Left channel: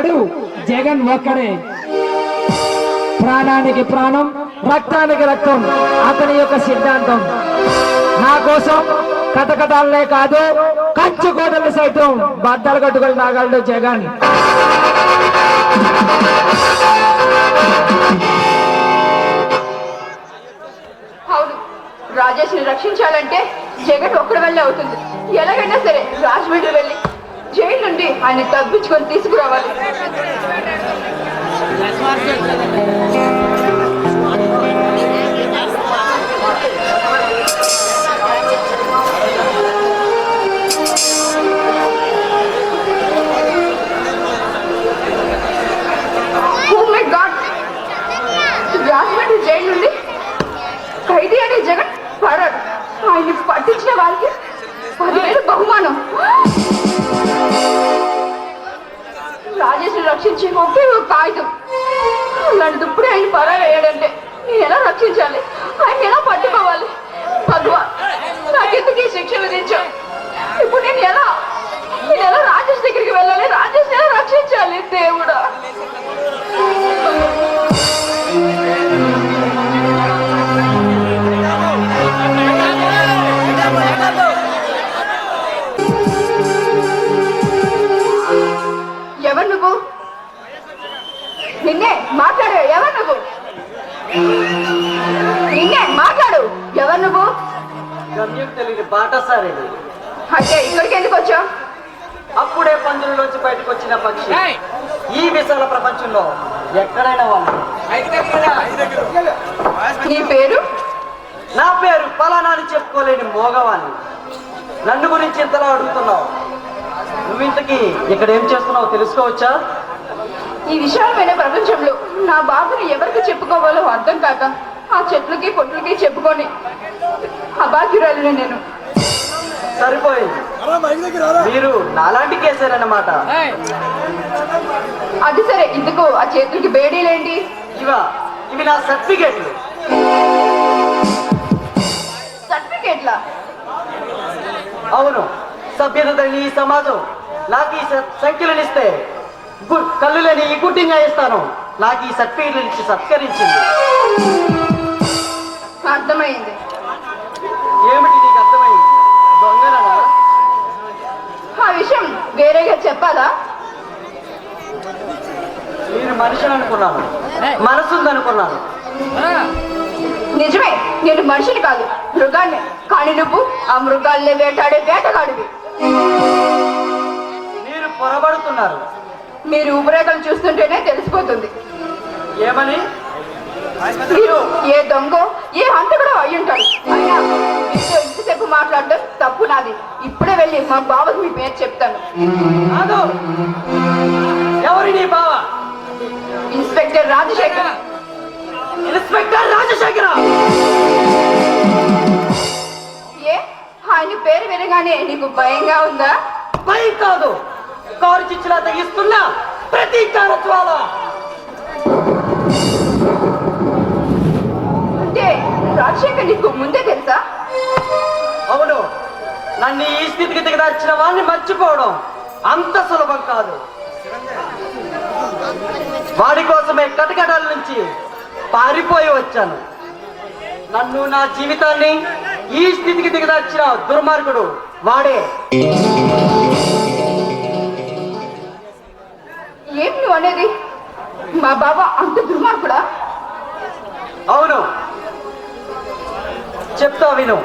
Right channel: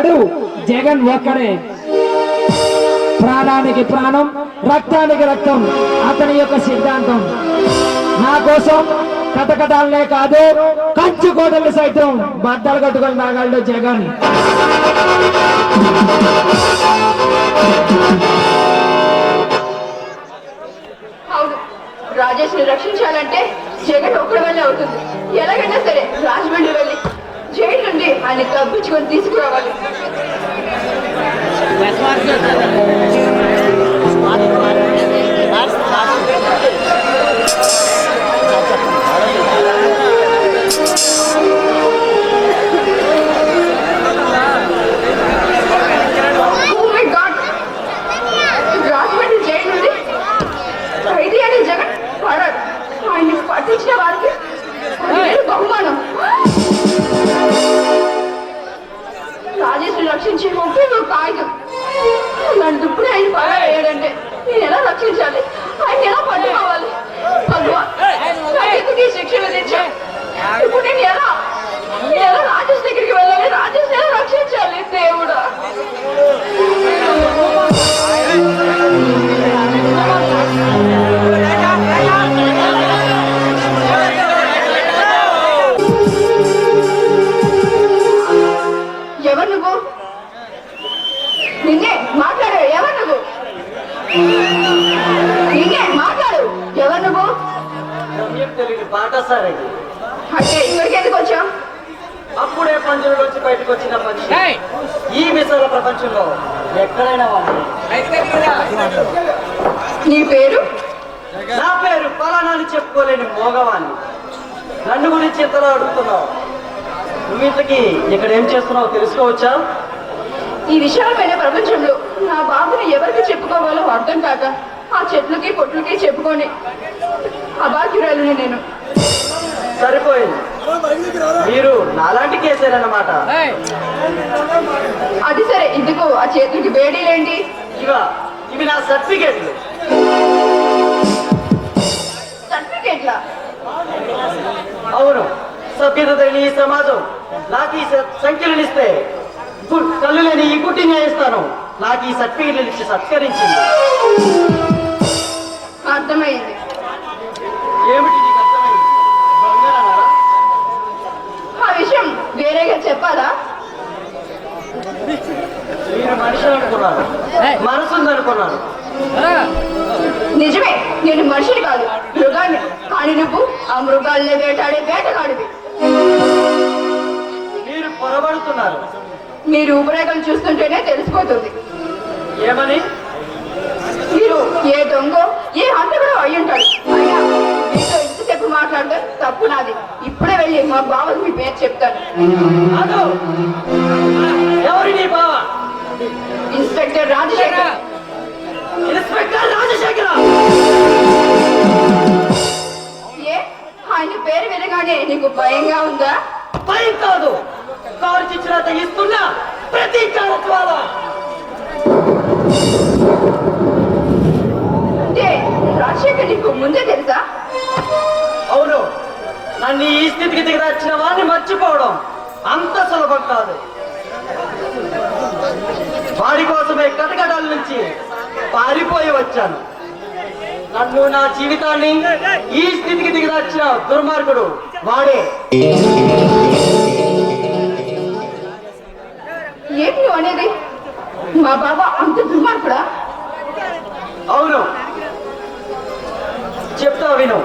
వాడు జగన్ ఒక్కడే. ప్రాణానికి ప్రాణం, రక్తానికి రక్తం అతని యొక్క సిద్ధాంతం. నా కోసం కటకటాలనే కాదు, కంచు కోటలు సైతం బద్దలు కట్టుకొని రాగలడు జగన్. అవును, రాజేష్ ని రక్షించాలంటే జగన్ ఒక్కడి వల్లే అవుతుంది. ఎలాగైనా సరే రాజమండ్రి వెళ్ళి జైలు నుండి ఆయన తప్పించుకొని తీసుకురావాలి. రాజమండ్రి జైలు నుండి ఖైదీ అనే జగన్ పడాడు. ఆయన్ని పట్టించిన వారికి బహుమానం. రాజేశ్వరి రక్షించే ఒకే ఒక కాగితం. నన్ను ఇప్పుడే ఆయన పడాడంటే నేను ఎలా రక్షించాలి? ఆయన ఎలా పట్టుకోవాలి? భగవాన్, నాకెందుకు ఈ శిక్ష విధించా? ఇప్పుడు నేను ఎలా రాజేష్ దగ్గరికి వెళ్ళాలి? రాజేష్ ఎలా రక్షించాలి? దేవుడా, ఎవరు నువ్వు? నిన్నే మాట్లాడు. ఎవరు నువ్వు? నిన్నే మాట్లాడు. ఎవరు నువ్వు? అంటే ఇక్కడికి ఎందుకు వచ్చావు? అప్పుడే పంజరంలోంచి బయటకు వచ్చిన పక్షి ఈ విశాల ప్రపంచంలో ఎక్కడైనా వాళ్ళు. నీ పేరు? నా పేరు ఫలానా అని చెప్పుకోలేని మోగవాణ్ణి. నన్ను గురించి ఎంతలా అడుగుతున్నావు? నువ్వు ఇంతకీ ఇక్కడ ఏం చేస్తున్నావు తెలుసుకోవచ్చా? ఈ విశాలమైన ప్రపంచంలో నా బాబుని ఎవరికి చెప్పుకోవాలో అర్థం కాక ఆ చెట్లకి పొట్లకి చెప్పుకొని అభాగ్యురాలిని నేను. సరిపోయింది, మీరు నాలాంటి కేసేనమాట. అది సరే, ఇందుకు ఆ చేతులకి బేడీలేంటి? ఇవి నా సర్టిఫికేట్లు. సర్టిఫికేట్లా? అవును, సభ్యత లేని ఈ సమాజం నాకు ఈ సంఖ్యలను ఇస్తే కళ్ళు లేని ఈ కుట్టింగ్ ఇస్తాను. నాకు ఈ సర్టిఫికేట్లు ఇచ్చి సత్కరించింది. అర్థమైంది. ఏమిటి నీకు అర్థమైంది? దొంగలనా? ఆ విషయం వేరేగా చెప్పాలా? నేను మనిషిని అనుకున్నాను, మనసుందనుకున్నాను. నిజమే, నేను మనిషిని కాదు, మృగాన్ని. కానీ నువ్వు ఆ మృగాల్ని వేటాడే వేటగాడివి. మీరు పొరబడుతున్నారు. మీ రూపురేఖలు చూస్తుంటేనే తెలిసిపోతుంది. ఏమని? మీరు ఏ దొంగో ఏ హంతకుడో అయ్యుంటాడు. అయినా మీతో ఇంతసేపు మాట్లాడడం తప్పు నాది. ఇప్పుడే వెళ్ళి మా బావకి మీ పేరు చెప్తాను. ఎవరి నీ బావ? ఇన్స్పెక్టర్ రాజశేఖర్. ఇన్స్పెక్టర్ రాజశేఖర్? ఏ, ఆయన పేరు వినగానే నీకు భయంగా ఉందా? భయం కాదు, కారు చిచ్చులా తెగిస్తున్నా ప్రతీకార జ్వాల. అంటే రాజశేఖర్ నీకు ముందే తెలుసా? అవును, నన్ను ఈ స్థితికి దిగదార్చిన వాడిని మర్చిపోవడం అంత సులభం కాదు. వాడి కోసమే కటకటాల నుంచి పారిపోయి వచ్చాను. నన్ను, నా జీవితాన్ని ఈ స్థితికి దిగదార్చిన దుర్మార్గుడు వాడే. ఏం నువ్వు అనేది? మా బాబా అంత దుర్మార్గుడా? అవును, చెప్తా విను.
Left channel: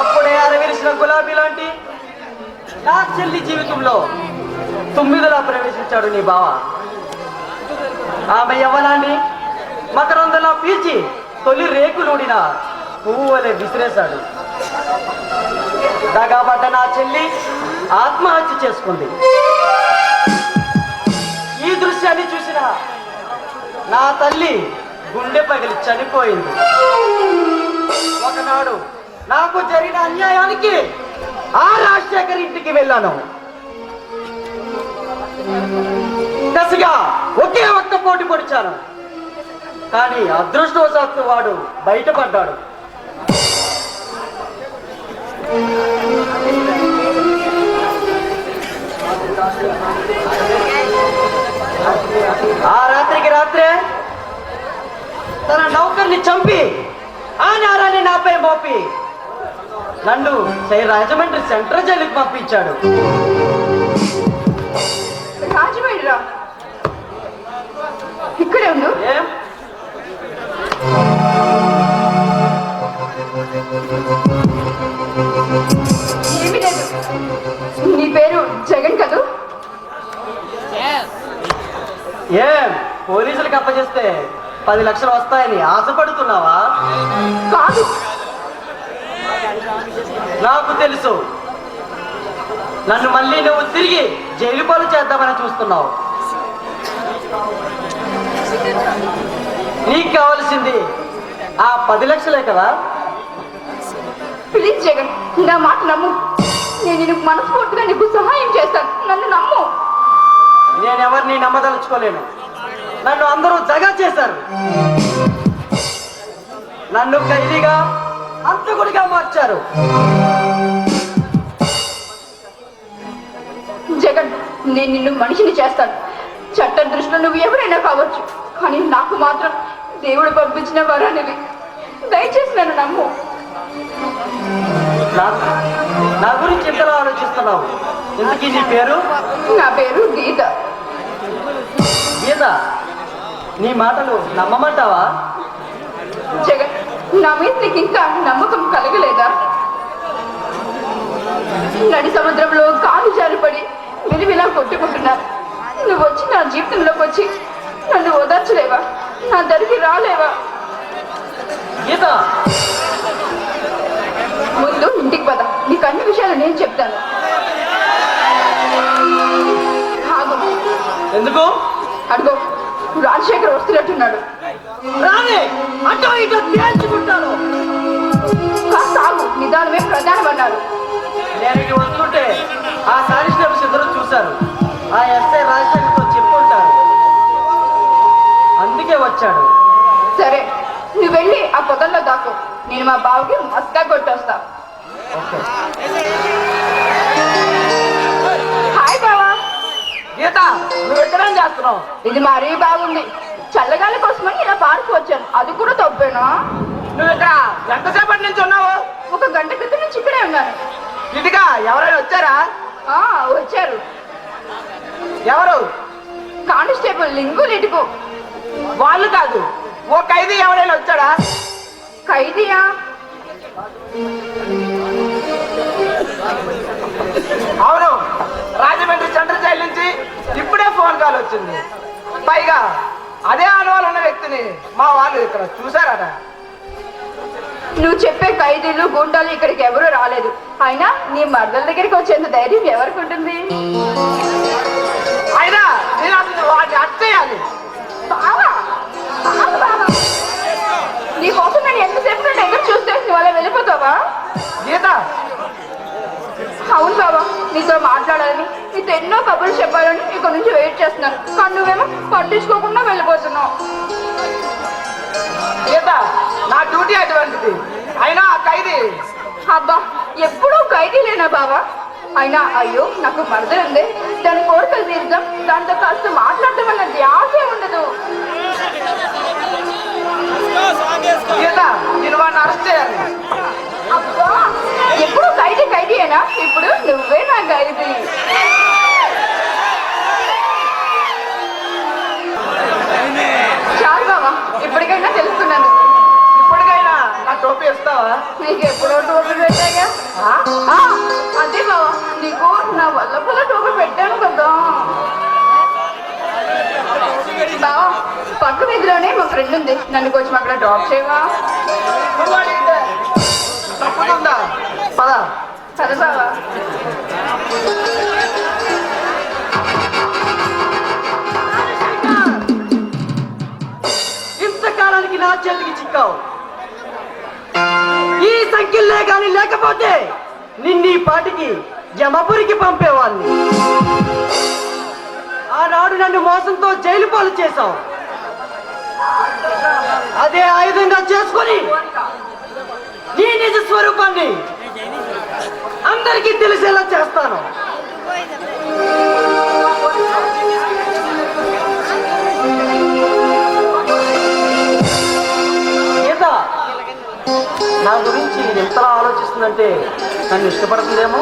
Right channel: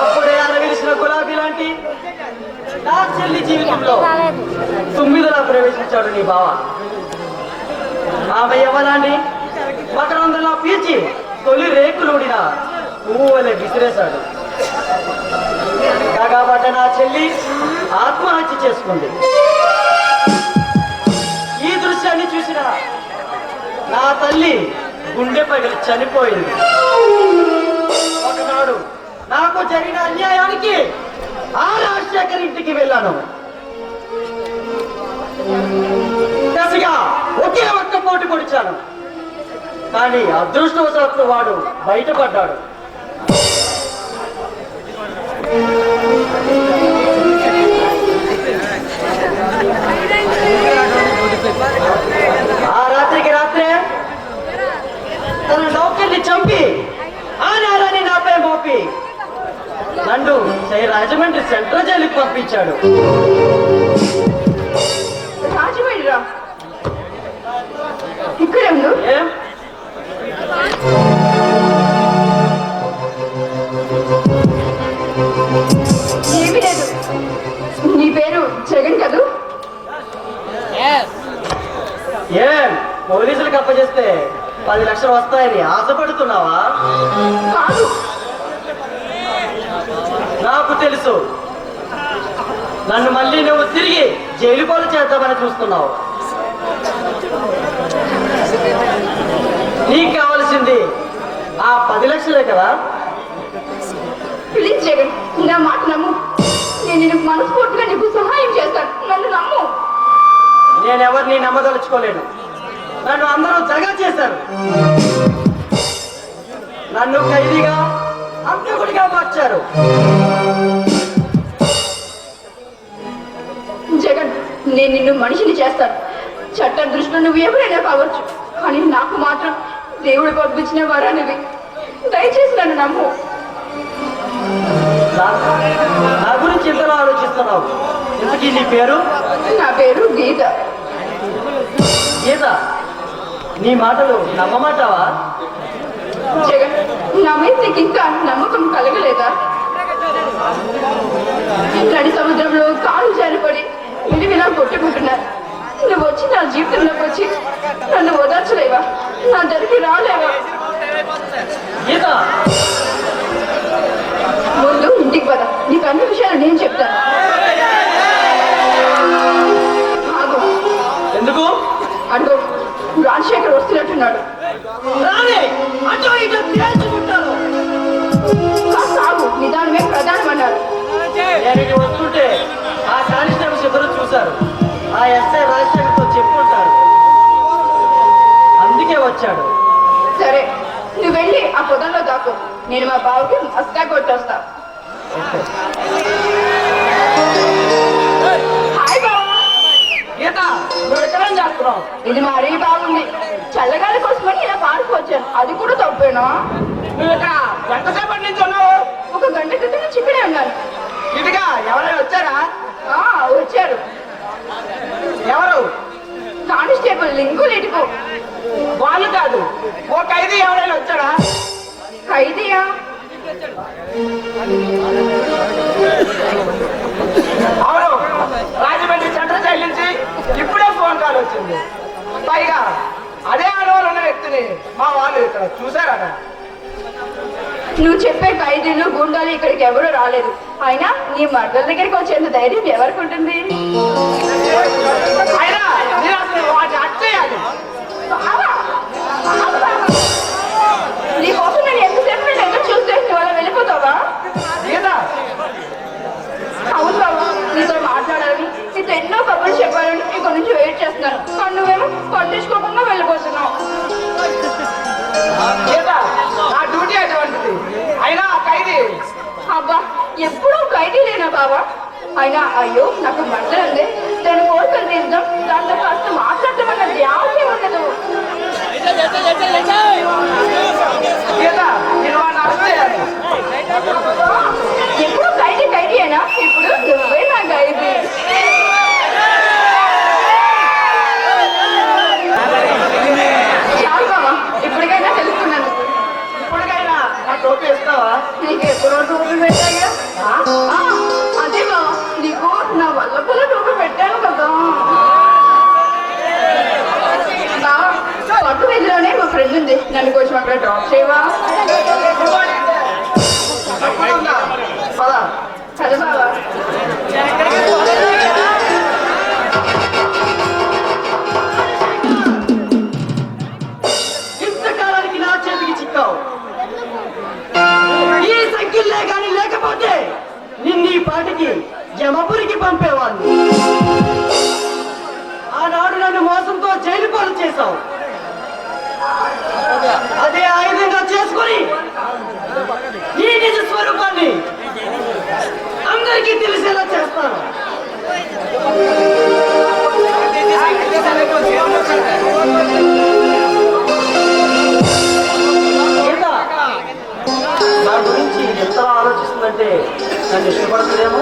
అప్పుడే అరవిలిసిన గులాబీ లాంటి నా చెల్లి జీవితంలో తొమ్మిదిలా ప్రవేశించాడు నీ బావ. ఆమె యవ్వనాన్ని మకరందలా పీల్చి తొలి రేకులోడిన పువ్వు వలె విసిరేశాడు. దగాబట్ట నా చెల్లి ఆత్మహత్య చేసుకుంది. ఈ దృశ్యాన్ని చూసిన నా తల్లి గుండె పగిలి చనిపోయింది. ఒకనాడు నాకు జరిగిన అన్యాయానికి ఆ రాజశేఖర్ ఇంటికి వెళ్ళాను. కసిగా ఒకే ఒక్క పోటీ పొడిచాను. కానీ అదృష్టవశాత్తు వాడు బయటపడ్డాడు. చంపి ఆ నేరాన్ని నాపై మోపి నన్ను రాజమండ్రి సెంట్రల్ జైలుకి పంపించాడు. రాజమండ్రిరా? ఇక్కడే ఉండు. ఏం ఏమీ లేదు. నీ పేరు జగన్ కదూ? ఏం పోలీసులకు అప్పచెస్తే 10 లక్షలు వస్తాయని ఆశపడుతున్నావా? కాదు. నాకు తెలుసు, నన్ను మళ్ళీ నువ్వు తిరిగి జైలు పాలు చేద్దామని చూస్తున్నావు. నీకు కావలసింది ఆ 10 లక్షలే కదా? ప్లీజ్ జగన్, నా మాట నమ్ము. నేను నిన్ను మనస్ఫూర్తిగా నీకు సహాయం చేస్తాను. నన్ను నమ్ము. నేనెవరిని నమ్మదలుచుకోలేను. నన్ను అందరూ జగన్ చేశారు. నన్ను ఖైదీగా అంతకుడిగా మార్చారు. జగన్, నేను నిన్ను మనిషిని చేస్తాను. చట్టం దృష్టిలో నువ్వు ఎవరైనా కావచ్చు, కానీ నాకు మాత్రం దేవుడు పంపించిన వరానివి. దయచేసి నన్ను నమ్ము. నా గురించి ఎంతలో ఆలోచిస్తున్నావు? ఇంతకీ నీ పేరు? నా పేరు గీత. గీత, నీ మాటలు నమ్మమంటావా? జగన్, నా మీద నీకు ఇంకా నమ్మకం కలగలేదా? నడి సముద్రంలో కాలు జారిపడి విలువిలా కొట్టుకుంటున్నాను. నువ్వు వచ్చి నా జీవితంలోకి వచ్చి నన్ను ఓదార్చలేవా? నా దగ్గరికి రాలేవా? గీత, ముందు ఇంటికి పద. నీకు అన్ని విషయాలు నేను చెప్తాను. ఆగు. ఎందుకు? అడుగు. రాజశేఖర్ వస్తున్నట్టున్నాడు. రాని అటో ఇటో తేల్చుకుంటాను. కాస్త ఆగు. నిదానమే ప్రధానం అన్నారు. నేను వస్తుంటే ఆ కానిస్టేబుల్స్ ఇద్దరు చూశారు. ఆ ఎస్ఐ రాజశేఖర్తో చెప్పుకుంటారు, అందుకే వచ్చాడు. సరే, నువ్వు వెళ్ళి ఆ పొదల్లో దాకు. నేను మా బావుకి మస్కా కొట్టొస్తా. హాయ్ బావా. గీత, నువ్వు ఎక్కడేం చేస్తున్నావు? ఇది మరీ బాగుంది. చల్లగాలి కోసమని ఇలా పార్క్ వచ్చాను. అది కూడా తప్పేనా? నువ్వు ఇక్కడ ఎంతసేపటి నుంచి ఉన్నావు? 1 గంట క్రితం నుంచి ఇక్కడే ఉన్నాను. ఇదిగా ఎవరైనా వచ్చారా? వచ్చారు. ఎవరు? కానిస్టేబుల్ లింగు లిటుకు. వాళ్ళు కాదు, ఓ ఖైదీ ఎవరైనా వచ్చాడా? ఖైదీయా? అవును, రాజమండ్రి సెంట్రల్ జైలు నుంచి ఇప్పుడే ఫోన్ కాల్ వచ్చింది. పైగా అదే అనుభవం ఉన్న వ్యక్తిని మా వాళ్ళు ఇక్కడ చూశారట. నువ్వు చెప్పే ఖైదీలు గుండాలు ఇక్కడికి ఎవరు రాలేదు. అయినా నీ మర్దల దగ్గరికి వచ్చేంత ధైర్యం ఎవరికి ఉంటుంది? అయినా నేను అసలు వాటిని అట్టేయాలి. నీ కోసం నేను ఎంతసేపు నేను ఎదురు చూస్తే నువ్వు అలా వెళ్ళిపోతావా? గీత, అవును బాబా, నీతో మాట్లాడాలని, నీతో ఎన్నో కబుర్లు చెప్పాలని ఇక్కడ నుంచి వెయిట్ చేస్తున్నాను. కానీ నువ్వేమో పట్టించుకోకుండా వెళ్ళిపోతున్నావు. గీత, నా డ్యూటీ అటువంటిది. అయినా ఆ ఖైదీ అబ్బా, ఎప్పుడూ ఖైదీ లేనా బాబా? అయినా అయ్యో నాకు మర్దలు ఉంది, దాని కోరికలు తీర్దాం, దాంతో కాస్త మాట్లాడటం ధ్యాసే ఉండదు. గీత, నేను వాడిని అరెస్ట్ చేయాలి. అబ్బా, ఎప్పుడు ఖైదీయేనా? ఇప్పుడు నువ్వే నా ఖైదీ. చాలు బాబా, ఇప్పటికైనా తెలుసుకున్నాను. ఇప్పటికైనా నా టోపీ ఇస్తావా? నీకు ఎప్పుడో టోపీలు పెట్టాగా? అదే బాబా, నీకు నా వల్ల టోపీ పెట్టాను కదా. బావా, పట్టు వీధిలోనే మా ఫ్రెండ్ ఉంది, నన్ను కొంచెం అక్కడ డ్రాప్ చేయవా? తప్పకుండా. పద. సరే బావా. ఇంతకాలానికి నా చేతికి చిక్కావు. ఈ సంఖ్యలే కానీ లేకపోతే నిన్నీ పాటికి జమపురికి పంపేవాడిని. ఆనాడు నన్ను మోసంతో జైలు పాలు చేశావు. అదే ఆయుధంగా చేసుకొని ఈ నిజ స్వరూపాన్ని అందరికీ తెలిసేలా చేస్తాను. గీత, నన్ను ఇష్టపడుతుందేమో.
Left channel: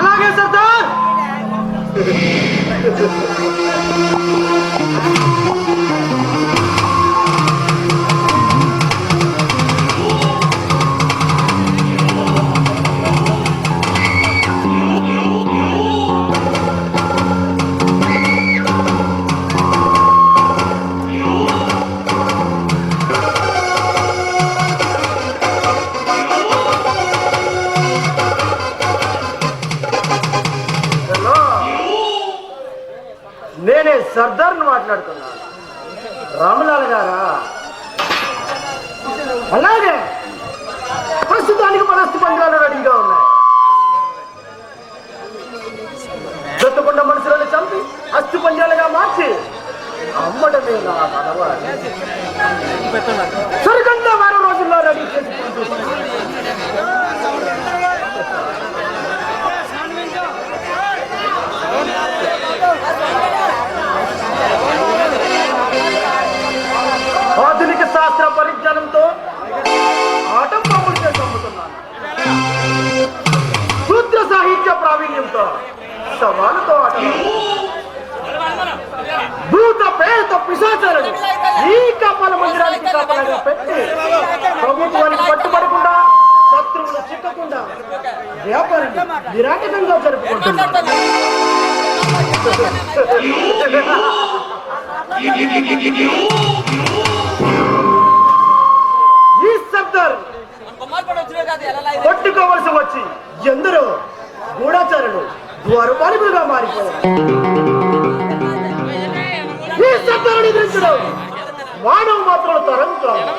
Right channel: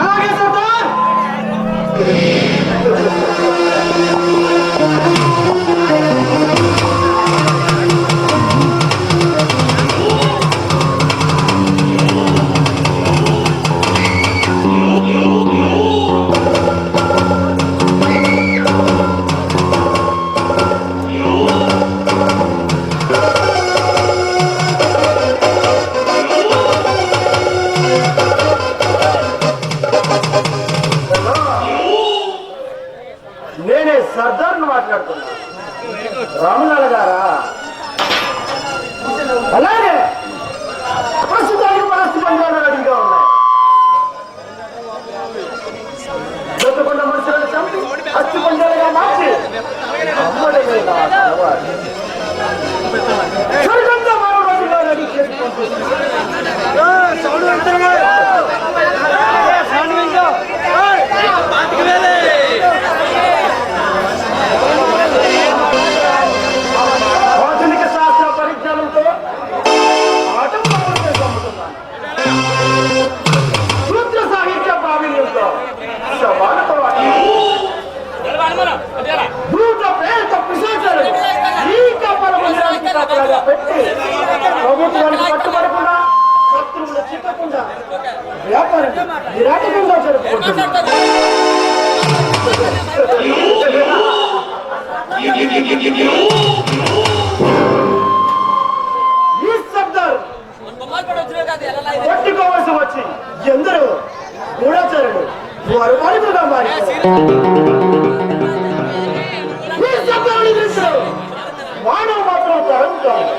అలాగే సర్దార్. నేనే సర్దార్ను మాట్లాడుతున్నా. రామలాల గారా? అలాగే ప్రస్తుతానికి మన అస్థి పంజాలు రెడీగా ఉన్నాయి. దొత్తకొండ మనుషులను చంపి అస్థి పంజాలుగా మార్చి అమ్మడమే నా సవాలు. సరిగ్గా మరో రోజుల్లో రెడీ ఆధునిక శాస్త్ర పరిజ్ఞానంతో ఆటం పంపులు చంపుతున్నాను. సూత్ర సాహిత్య ప్రావీణ్యంతో సవాలుతో భూత పేరుతో పిశాచాలను ఈ కప్పల మందిరానికి కాపలాగా పెట్టి ప్రభుత్వానికి పట్టుబడకుండా శత్రువులు చిక్కకుండా వ్యాపారం నిరాటకంగా జరుపుకుంటున్నారు. ఈ శబ్దాలు పట్టుకోవలసి వచ్చి ఎందరో గూఢాచారులు ద్వారపాలకులుగా మారిపోయారు. ఈ శబ్దాలను ఎదిరించడం మానవ మాత్రం తరం కాదు.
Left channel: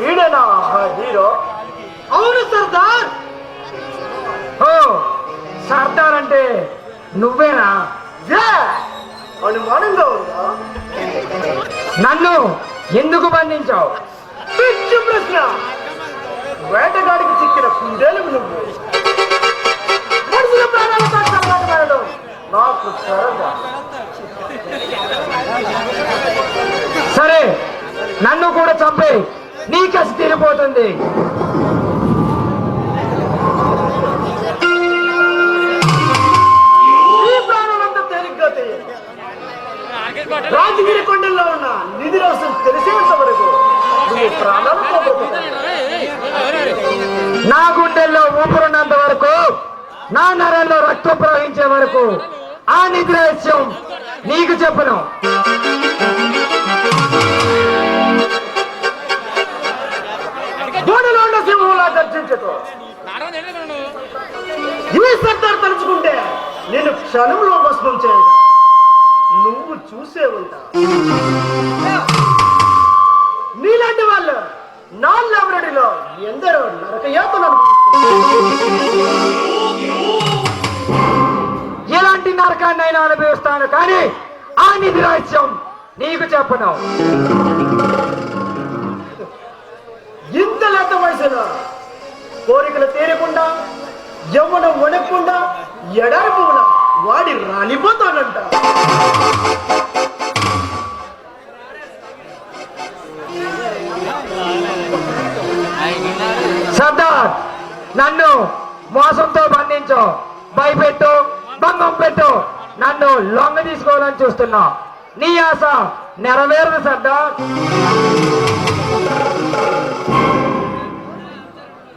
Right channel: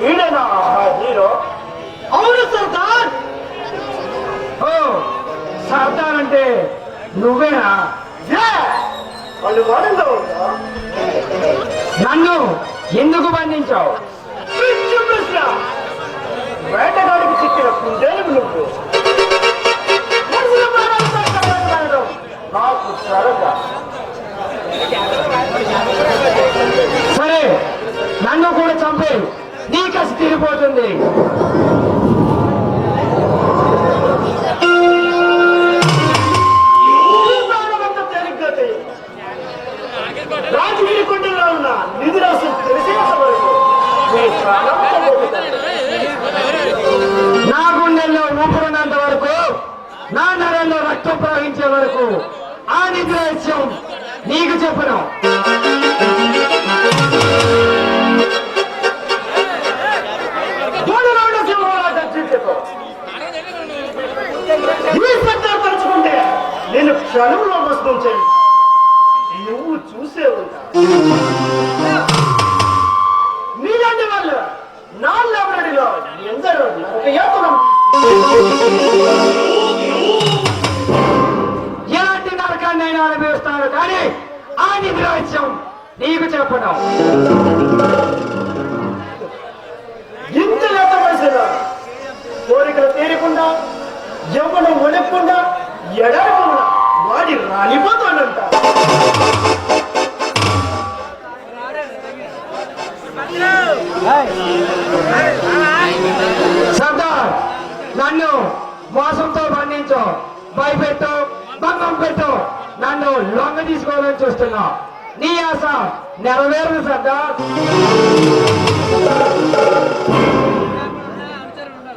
వీడేనా హీరో? అవును సర్దార్. ఓ సర్దార్ అంటే నువ్వేనా? అనుమానంగా ఉందా? నన్ను ఎందుకు బంధించావు? పిచ్చి ప్రశ్న. వేటగాడికి చిక్కిన కుందేలు నువ్వు. మనుషుల ప్రాణాలతో చెలగాటమాడడం నాకు సరదా. సరే నన్ను కూడా చంపే, నీ కసి తీరిపోతుంది. ఈ ప్రాణమంతా తేలిగ్గా చేయండి. రాజగిరి కొండల్లో ఉన్న నిధి రాష్ట్రం తెలిసేంత వరకు నీ ప్రాణం పోగొట్టుకో. నా గుండెల్లో ఊపిరున్నంత వరకు, నా నరంలో రక్తం ప్రవహించే వరకు ఆ నిధి రహస్యం నీకు చెప్పను. జోడులోండ సింహంలా దర్శించదు. ఈ సర్దార్ తలుచుకుంటే నేను క్షణంలో భస్మం చేయను. నువ్వు చూసే ఉంటా. నీలాంటి వాళ్ళు నా లైబ్రరీలో ఎందరో నరకయాతనం. ఎలాంటి నరకాన్నైనా అనుభవిస్తాను, కానీ ఆ నిధి రహస్యం నీకు చెప్పను. ఇంత లేత వయసులో కోరికలు తీరకుండా, యవ్వనం వణకుండా, ఎడారిపోకుండా వాడి రాలిపోతానంట. సర్దార్, నన్ను మోసంతో బంధించు, భయపెట్టు, భంగం పెట్టు, నన్ను లొంగ తీసుకోవాలని చూస్తున్నావు. నీ ఆశ నెరవేరదు సర్దార్.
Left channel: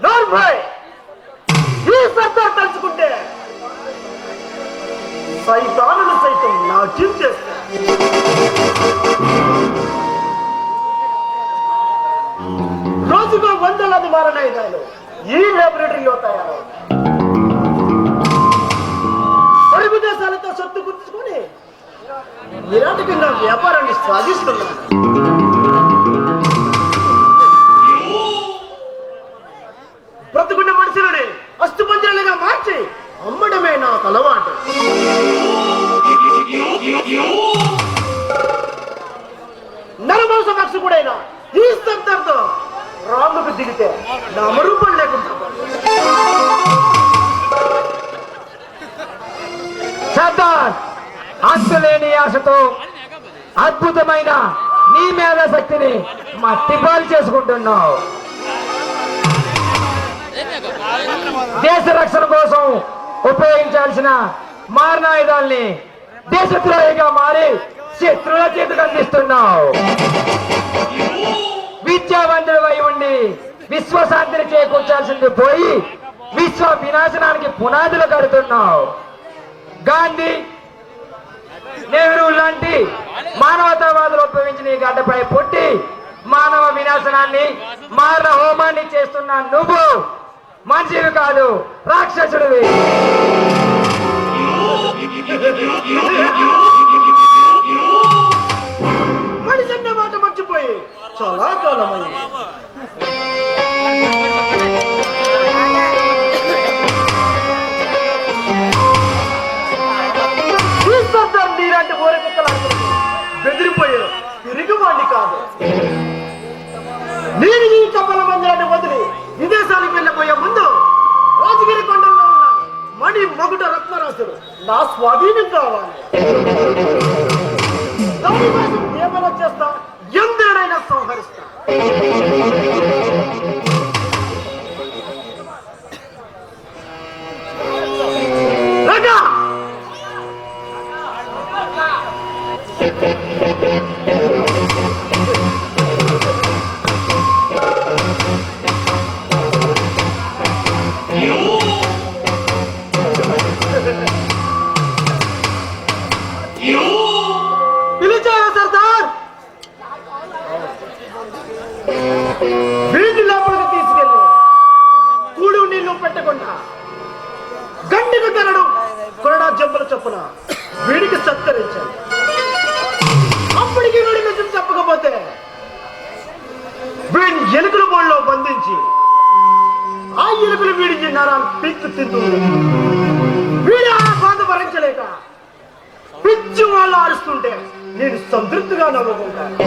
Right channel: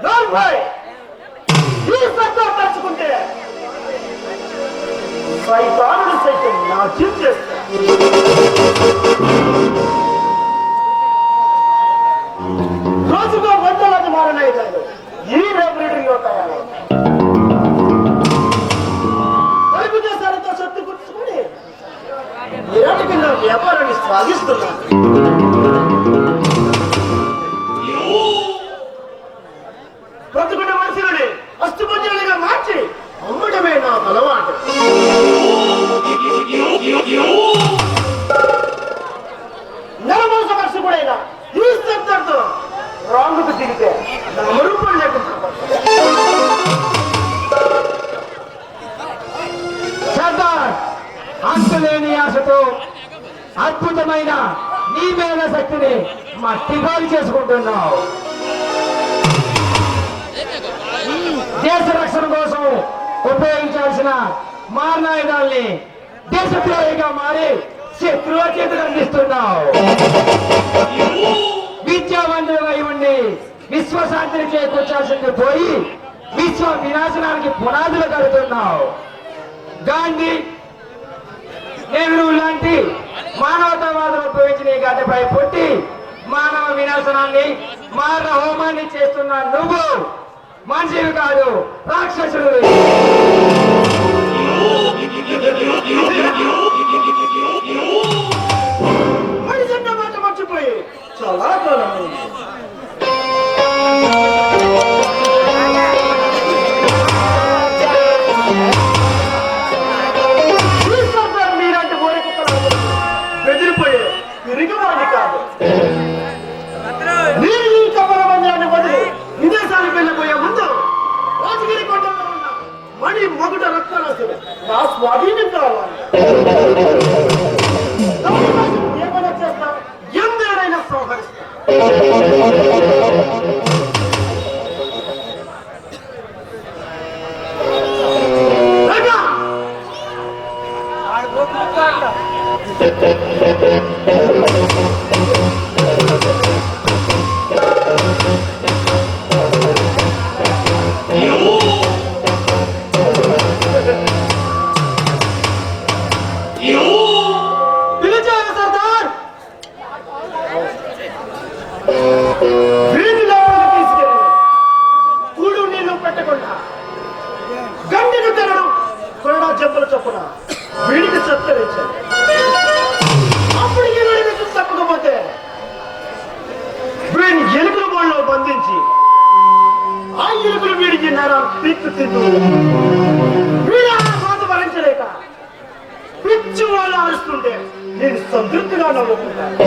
నోర్మై! ఈ సర్దార్ తలుచుకుంటే సైతానుడు సైతం నా చించేస్తా. రోజుగా వందలాది మారణాయుధాలు ఈ లైబ్రరీలో తయారు. పొరుగు దేశాలతో సొత్తు గుర్చుకుని నిరాటకంగా వ్యాపారాన్ని సాగిస్తున్నాను. బ్రతుకున్న మనుషులని అస్తుపత్రులుగా మార్చి అమ్మడమే నాకు అలవాటు. నరమాంస భక్షకుడైన ఈ సర్దార్తో రాముకు దిగితే నామరూపం లేకుండా. సర్దార్, అంతులేని ఆశతో అద్భుతమైన నీ మేధ శక్తిని మట్టిపాలు చేసుకుంటున్నావు. దేశ రక్షణ కోసం ఉపయోగించాల్సిన మారణాయుధాల్ని దేశద్రోహిగా మారి శత్రువుల చేతికి అందిస్తున్నావు. విద్యావంతుడివై ఉండి విశ్వశాంతిని చేకూర్చాల్సింది పోయి విశ్వ వినాశనానికి పునాదులు కడుతున్నావు. గాంధీ, నెహ్రూ లాంటి మానవతావాదులు ఉపయోగించిన ఈ గడ్డపై పుట్టి మానవ వినాశనాన్ని, మారణ హోమాన్ని చేస్తున్న నువ్వు మనిషివి కాదు, రాక్షసుడివి. మనిషి అన్న మాట మర్చిపోయి చాలా కాలమైంది. నీలాంటి కోరికలు బెదిరిపోయే తిరిగివాడి కాదు. నేను ఈ కమల మందిరాన్ని వదిలి విదేశానికి వెళ్ళిపోయే ముందు రాజగిరి కొండల్లో ఉన్న మణి మొగుట రత్నరాశులు నా స్వాధీనం కావాలి. దానికోసం ఏమైనా చేస్తా, ఎందరైనా సంహరిస్తా. రాజా! వీధి లోపలికి తీసుకెళ్ళి కూడు నీళ్లు పెట్టకుండా గండికి తరడం కొరడా చెంపలు చొప్పున వీడికి సత్కరించాలి. అప్పటికి వీడికి చెప్పకపోతే వీడిని ఎలుకల బోళ్ళలో బంధించి ఆ ఎలుకలు వీడికి నరాలు పీక్కు తింటూ వీడి ఆ బాధ భరించలేక పిచ్చి వాళ్ళు ఆరుస్తుంటే నేను సంతృప్తిగా నవ్వుకుంటాను.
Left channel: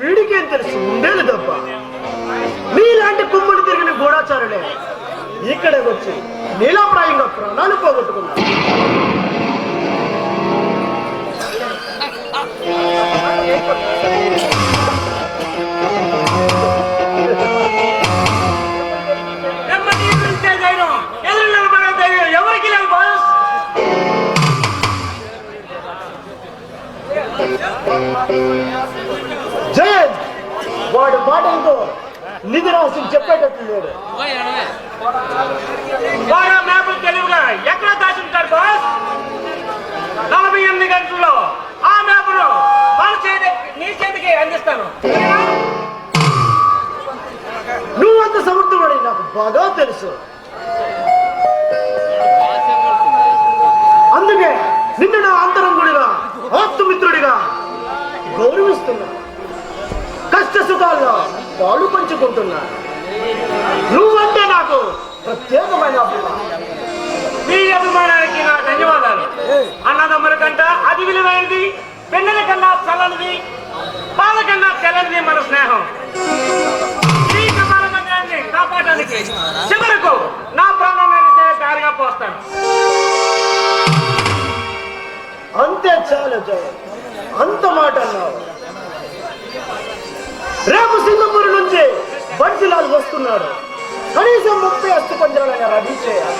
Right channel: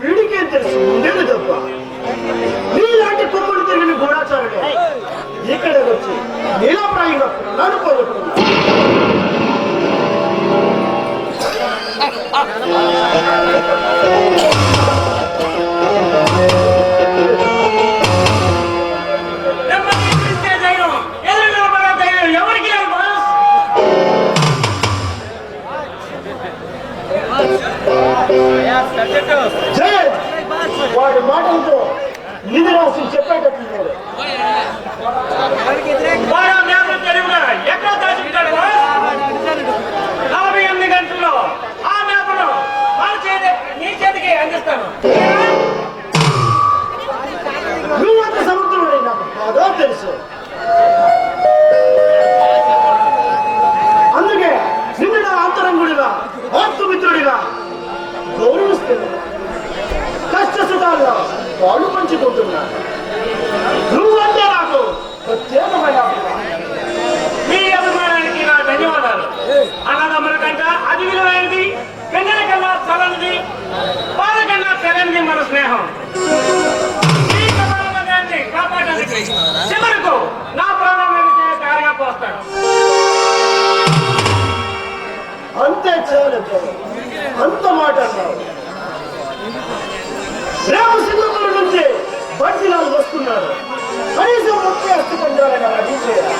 వీడికేం తెలుసు ఉండేది తప్ప నీలాంటి కుమ్ముడు తిరిగిన గూఢాచారులే ఇక్కడే వచ్చి నీలాప్రాయంగా నన్ను పోగొట్టుకున్నా. ఎవరికి లేదు బాస్. జయన్ వాడి మాటలతో నిధులు చెప్పేటట్లు లేదు. వాడు ఆ మేపలు తెలివిగా ఎక్కడ దాచుకుంటాడు బాస్. 48 గంటల్లో ఆ మేపను మన నీ చేతికి అందిస్తాను. నువ్వంత సమర్థుడని నాకు బాగా తెలుసు. అందుకే నిన్ను నా అంతరంగుడిగా ఆత్మమిత్రుడిగా గౌరవిస్తున్నా. కష్ట సుఖాలుగా పాలు పంచుకుంటున్నా. నువ్వంటే నాకు ప్రత్యేకమైన అభిమానం. మీ అభిమానానికి నా ధన్యవాదాలు. అన్నదమ్ముల కంట అది విలువైనది, పెన్నెల కన్నా చల్లనిది, పాల కన్నా తెల్లని మన స్నేహం. ఈ కపాల మందిరాన్ని కాపాడడానికి చివరకు నా ప్రాణమైన దారిగా పోస్తాను. అంతే చాలు చాలు, అంత మాట అన్నావు. రేపు సింగపూర్ నుంచి బడ్జిలాల్ వస్తున్నాడు. కనీసం 30 అస్థి పంజాలైనా రెడీ చేయాలి.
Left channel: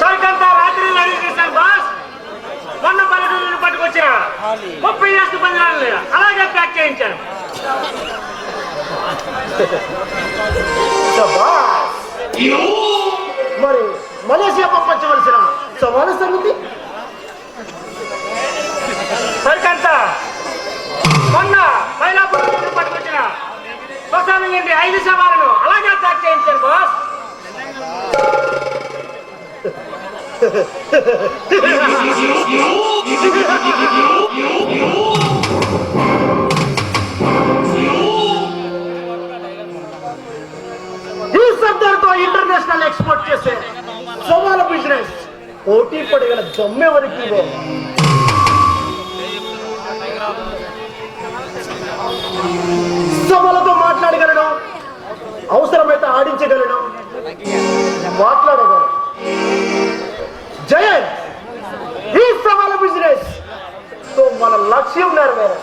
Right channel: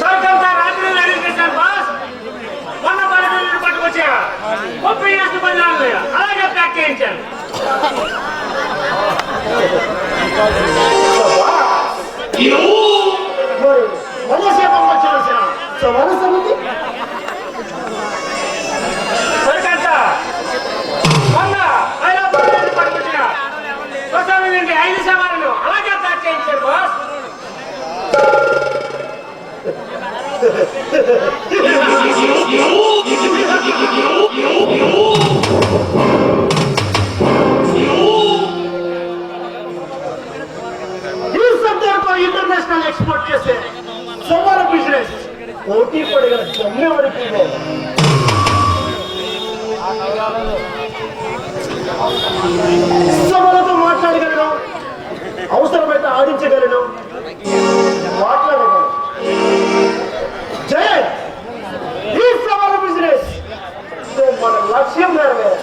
సరికంతా రాత్రి రెడీ చేశాను బాస్. మొన్న 10 పట్టుకొచ్చా 30 అస్థి పంజాలు అలాగే ప్యాక్ చేయించాను. మరి మలేషియా పంపించవలసిన సవాలు సంగతి సరికంతా మొన్న మైలాపూర్ పట్టుకొచ్చిన స్వసామి నుండి 5 సవాళ్ళు అలాగే ప్యాక్ చేయించాను బాస్. ఈ శబ్దాలతో ఇంటర్నేషనల్ ఎక్స్పోర్ట్ చేసే సవాల బిజినెస్ పోటీ పడగల దమ్మె వరకు సవాలతో మాట్లాడగలను, అవసరమైతే ఆడించగలను, మాట్లాడగలను. జయన్, ఈ సవాల బిజినెస్ తో మన లక్ష్యం నెరవేరు.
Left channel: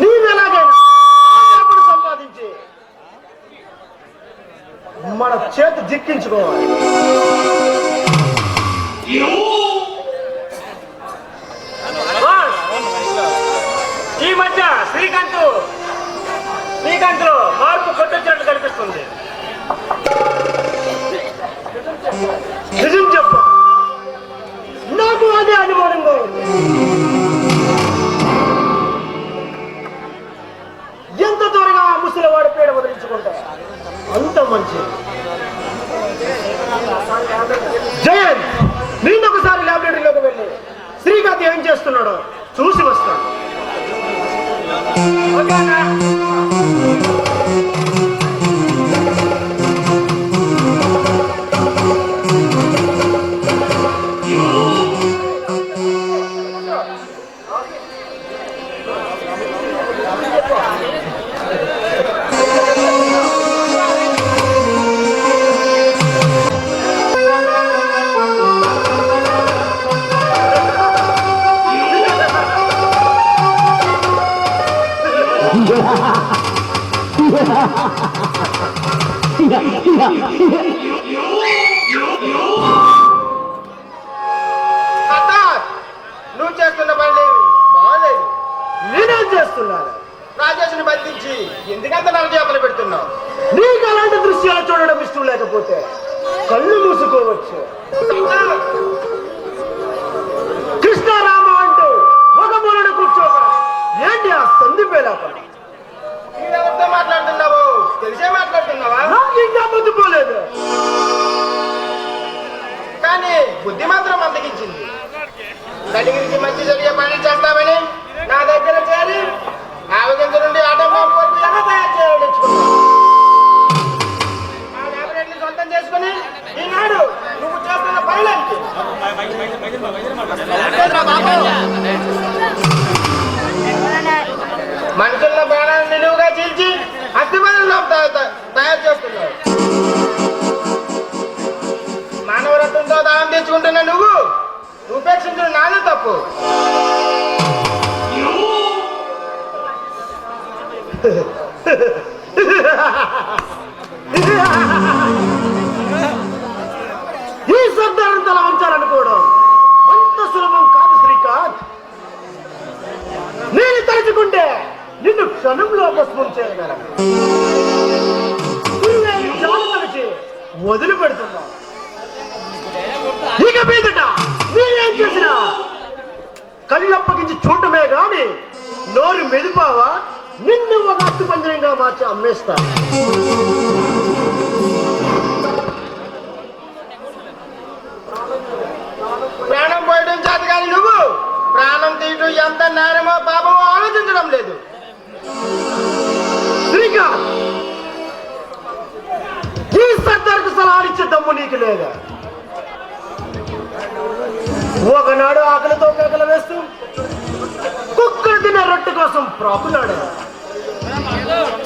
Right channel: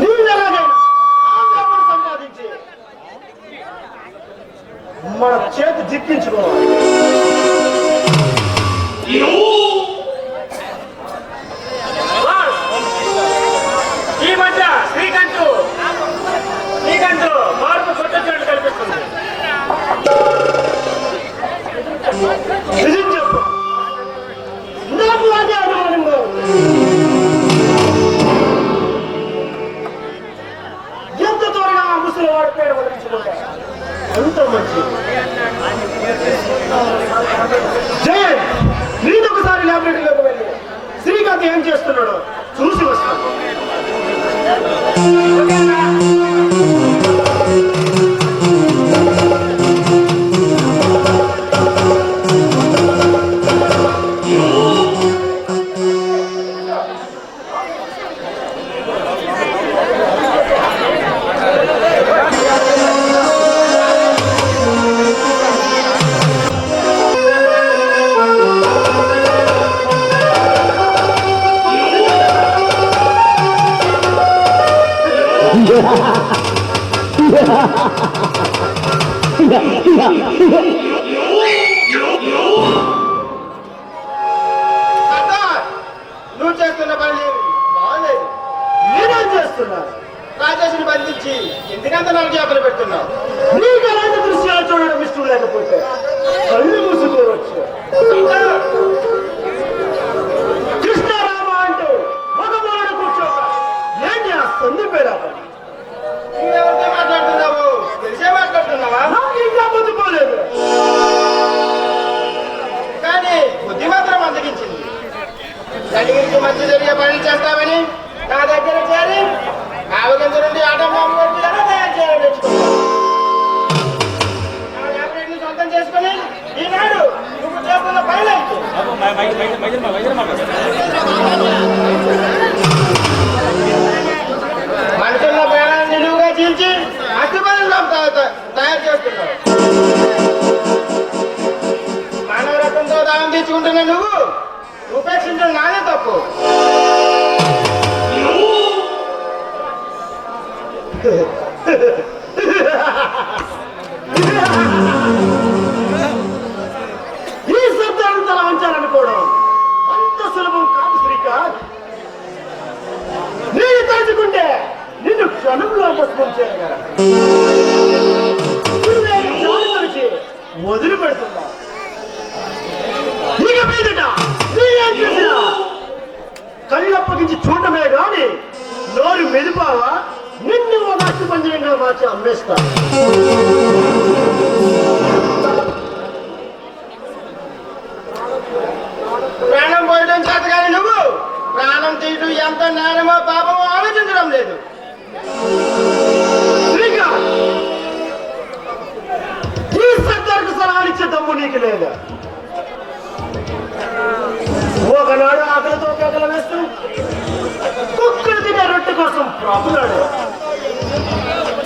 నీవెలాగైనా సంపాదించి మన చేతి దిక్కించుకోవాలి. ఈ మధ్య శ్రీకాంత్ మార్పు కొట్టొచ్చినట్టు కనిపిస్తుంది. నిజం చెప్పు, నాకు అదే అనుమానంగా ఉంది. ఎంత త్వరగా ఆ ముసలివాడి పేరు వదిలించుకుంటే అంత మంచిది. జయన్, నేనొకసారి ల్యాబొరేటరీలోకి వెళ్ళి శ్రీకాంత్ ఏం చేస్తున్నాడో చూసి వస్తాను. నువ్వు చేస్తున్న పని బాగాలేదు. నేనేం చేస్తున్నాను? రాజేష్ని బంధించి ఎందుకంత నాకు చేపలు పెడుతున్నావు? నీకు అలాంటి దృశ్యాలు చూడడం ఇష్టం లేకపోతే కళ్ళు మూసుకోవచ్చు. కృష్ణారామ అంటూ ఒక మూలన కూర్చో. ఏంటి ఆ సంధి పేద పని? ఎవరితో మాట్లాడుతున్నావు? తెలిసే మాట్లాడుతున్నావా? నాకు ఇంకా బుద్ధి పోలేదు, కానీ బుద్ధి మాత్రం అందగించింది. కలిగిరికి మంచి జరిగే పని చేస్తామని నా దగ్గర చేరి ఆవగింజ నుండి ఆటం బాంబు వరకు ఎలా తయారు చేయాలని నేర్చుకున్నాను. ఆ వ్యాపారాన్ని సొంతం చేసుకుని ఈనాడు నువ్వు చేస్తున్న పనులేంటి? మనుషుల పేరాన్ని నిలువుగా చీల్చి అస్థిపనులు తయారు చేస్తున్నావు. మానవరత్నంతో దానం తెచ్చుకుంటున్న నువ్వు ఉపేక్షించడం నానే తప్పు. ఈ శబ్దాన్ని తల ఉంచాలనుకోవడం అంత సులభం కాదు శ్రీకాంత్. నేను తలుచుకుంటే నిన్ను క్షణంలో భస్మం చేయగలను. వదిలిపెడుతున్నా. ఇక మీదట నేనేం చేసినా కళ్ళప్పగించి చూడటమే గాని నోరు మెదిపావా నిన్ను ఒక అట్టు పంజరంగా మార్చి అమ్మేస్తా. ప్రాణం పోయడం చేత కానీ నువ్వు ప్రాణం తీయడం ఎంత నేరమో పాపమో ఆలోచించడం లేదు. ఈ సర్దార్కు సలహా ఇచ్చే దమ్ము నీకు లేదా? ఒకనాడు ఆకలితో కేకలు వేస్తూ కుక్కలు తినే రొట్టె కోసం ప్రాపులాడు.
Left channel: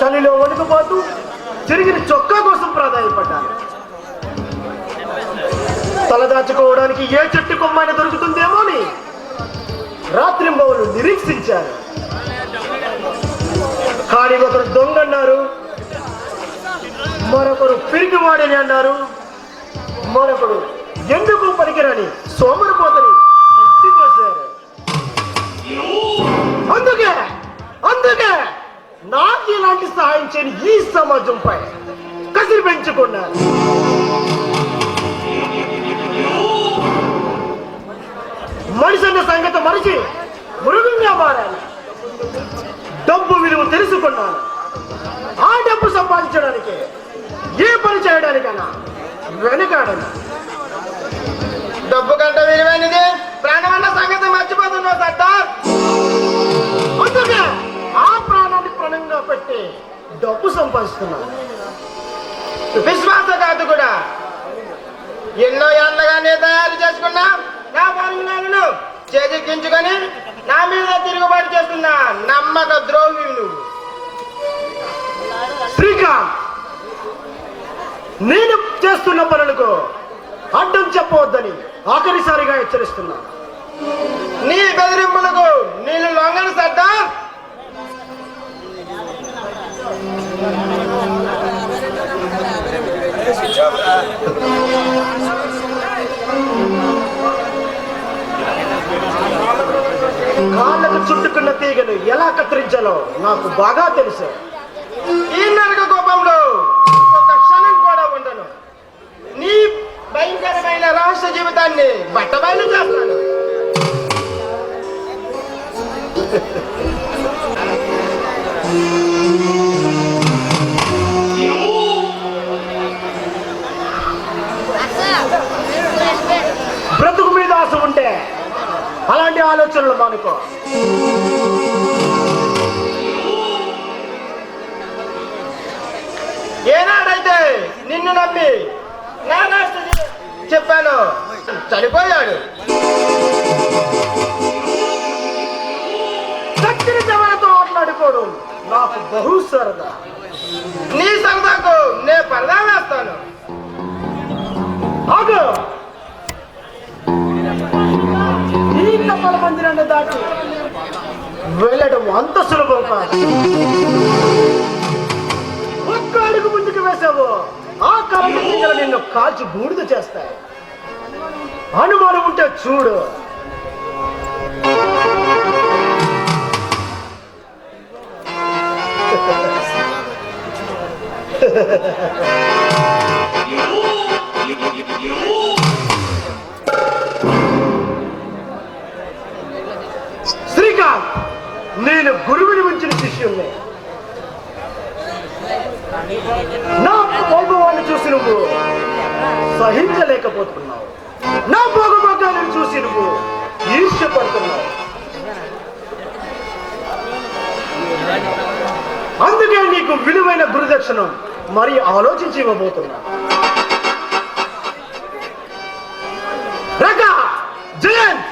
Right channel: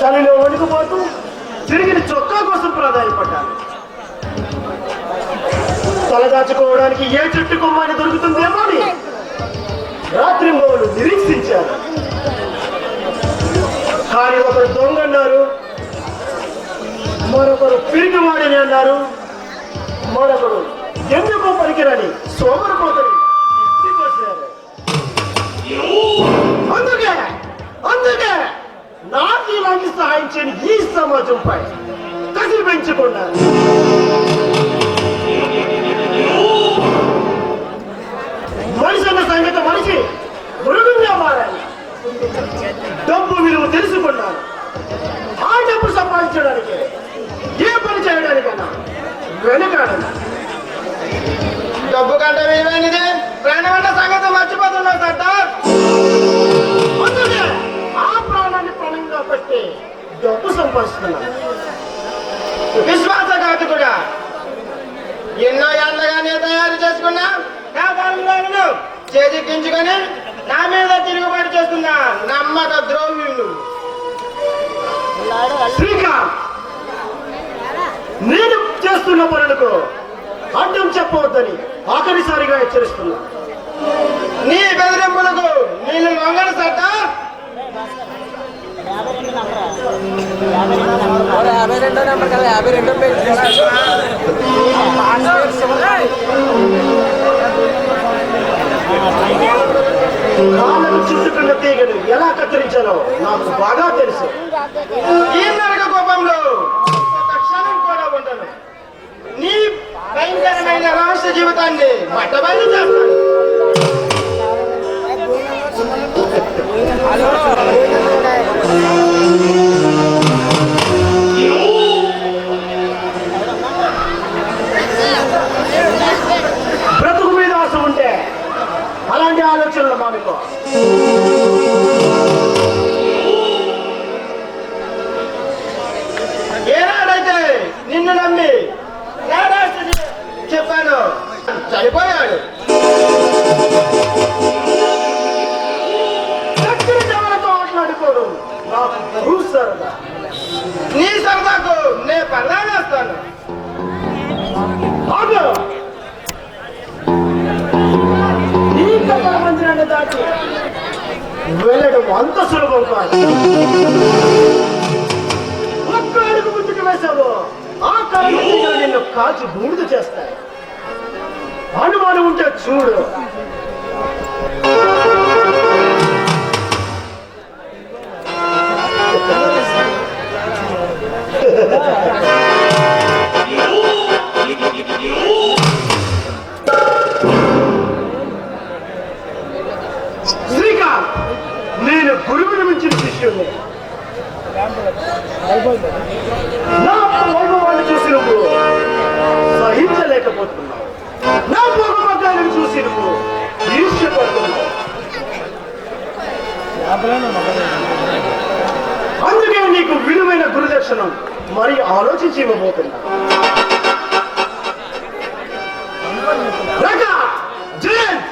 చలిలో వణుకుపోతూ తిరిగిన చొక్కా కోసం ప్రాధాన్యపడ్డాను. తలదాచుకోవడానికి ఏ చెట్టు కొమ్మని దొరుకుతుందేమో అని రాత్రి మొదలు నిరీక్షించారు. కానీ ఒకరు దొంగ అన్నారు, మరొకరు పిరిగివాడని అన్నారు, మరొకరు ఎందుకు పనికిరని సోమరిపోతని ఎత్తిపోసారు. అందుకే నాకు ఇలాంటి సహాయం చేయని ఈ సమాజంపై కసిరి పెంచుకున్నారు. మనిషి అన్న సంగతి మనిషి మృగంగా మారాలి. డబ్బు విలువ తెలుసుకున్నాను. ఆ డబ్బు సంపాదించడానికి ఏ పని చేయడానికన్నా వెనుకాడను. డబ్బు కంటే విలువైనది ప్రాణం అన్న సంగతి మర్చిపోతున్నావు సర్దార్. అందుకే ఆ ప్రాణాన్ని ప్రాణంగా పెట్టి డబ్బు సంపాదిస్తున్నాను. విశ్వాసఘాతు కూడా ఎన్నో ఏళ్ళగానే తయారు చేసుకున్నా నా పనులను చేజిక్కించుకొని నా మీద తిరుగుబాటు చేస్తున్నా నమ్మక ద్రోహి నువ్వు. శ్రీకాంత్, నేను చేస్తున్న పనులకు అడ్డం చెప్పవద్దని ఆఖరిసారిగా హెచ్చరిస్తున్నా. నీ బెదిరింపులకు నేను లొంగను సర్దార్. కాళ్ళకు చుట్టుకున్న తీగను ఎలా కత్తిరించాలో నాకు బాగా తెలుసు. ఈ నరక కోపంలో ఒక క్షణం కూడా ఉండను. నీ భయంకరమైన రహస్య జీవితాన్ని బట్టబయలు చేస్తాను. బ్రతుకు మీద ఆశ ఉంటే అలాంటి ఆలోచనలు మానుకో. ఏనాడైతే నిన్ను నమ్మి చెప్పాను చనిపోయాడు. ఆటలాడుకోవడం నాకు బహు సరదా. నీ సరదాకు నేను పల్లా వేస్తాను. ఈ కప్పల మందిరాన్ని దాటి వెళ్ళడం అంత సులభం కాదు. ఒక్క అడుగు ముందుకు వేసావు కళ్ళ నిన్ను కాల్చి బూడిద చేస్తాయి. అనుమానం ఉంటే చూడు. శ్రీకాంత్, నేను గురువుని మించిన శిష్యుణ్ణి. నా వైభవాన్ని చూసి నువ్వు సహించలేకపోతున్నావు. నా భోగభాగాలను చూసి నువ్వు ఈర్ష్యపడుతున్నావు. అందుకే నీకు విలువైన గురుదక్షిణం మరి ఆలోచించి ఇవ్వబోతున్నా. రక జయంత్,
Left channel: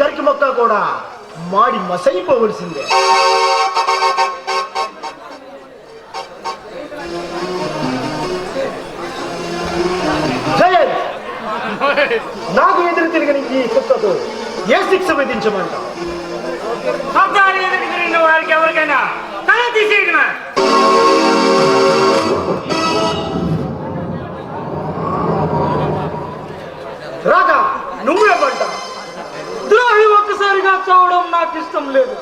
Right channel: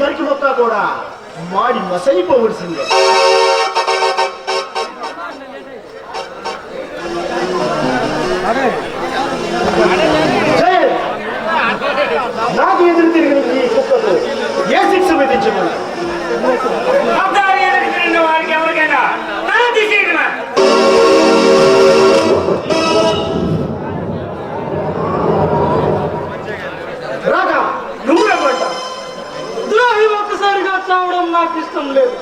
గరికి మొక్క కూడా మాడి మసైపోవలసిందే. నాకు ఎదురు తిరిగిన ఈ కుక్కతో ఏ శిక్ష విధించమని వారికి ఎవరికైనా తల తీసేయడమా? రాగా నువ్వే పంట. ద్రోహి ఒక్కసారిగా చావడం నాకు ఇష్టం లేదు.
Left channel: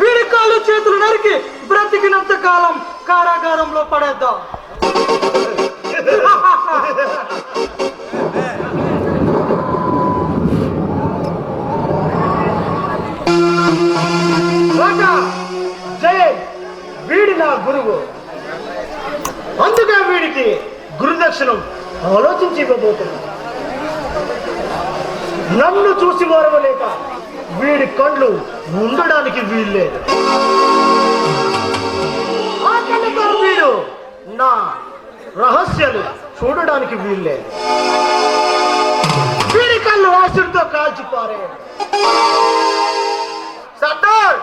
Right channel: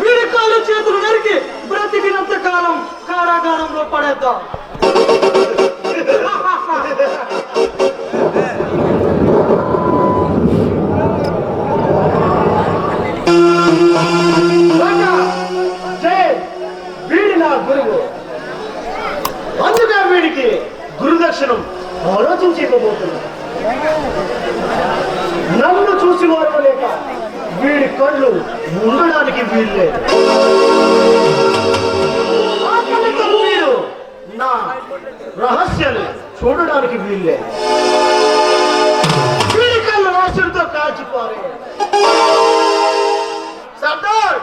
వీడి కాళ్ళు చేతులు నరికి బ్రతికినంత కాలం కారాగారంలో పడేద్దాం. వీడి నా గురువు, అందుకే వీడికి గురుదక్షిణం ఆలోచించి ఇవ్వబోతున్నా. నన్ను చూసి వారవలేక వీడి కళ్ళు ఉండడానికి వీల్లేదు. వీడు నా రహస్యాలు చూడడానికి వీల్లేదు. వీడి కళ్ళు రాసుడితో కాల్చిపారే. సర్దార్,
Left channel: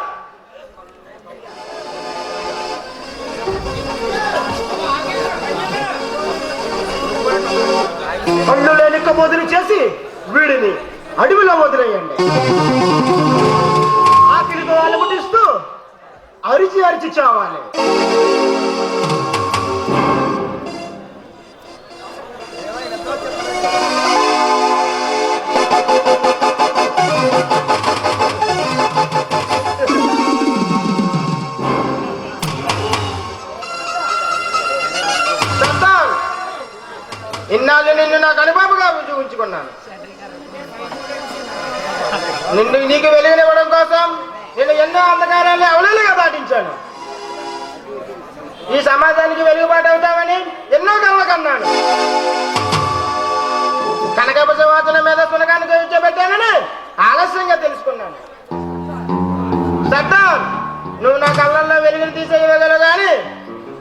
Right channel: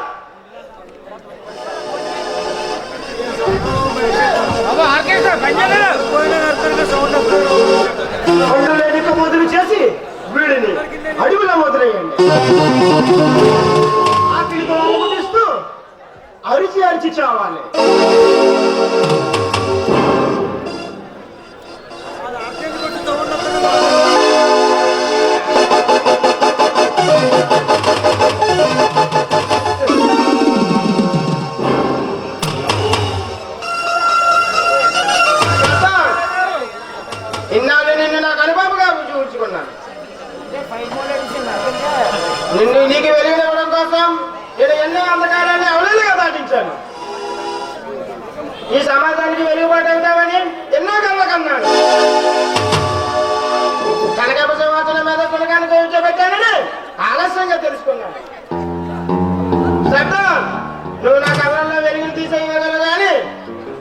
కళ్ళు లేని మొదలు చేసి వీడిని అడవిలో మొదలయ్యండి. ఆకలితో అలమటిస్తూ అరిచి అరిచి చావాలి. ఇన్నాళ్ళు నిన్ను నాకు అనుభవంగా ఉంచుకున్నాను. నీకు వెలుగునివ్వడం కోసం నేను ఎన్నో అంధకారాన్ని అవలీలుగా దాటించాను. ఈ సమాజానికి వెలుగుబాటు అవుతామని ఎన్నో కళ్ళ కన్నాను. కనకప సంవత్సరం మీద పునకాన్ని గురించబెట్టానని ఆలస్యంగా తెలుసుకున్నాను. సర్దార్, నువ్వు నా కళ్ళల్లో వెలుగులు తీసేయగలవు కానీ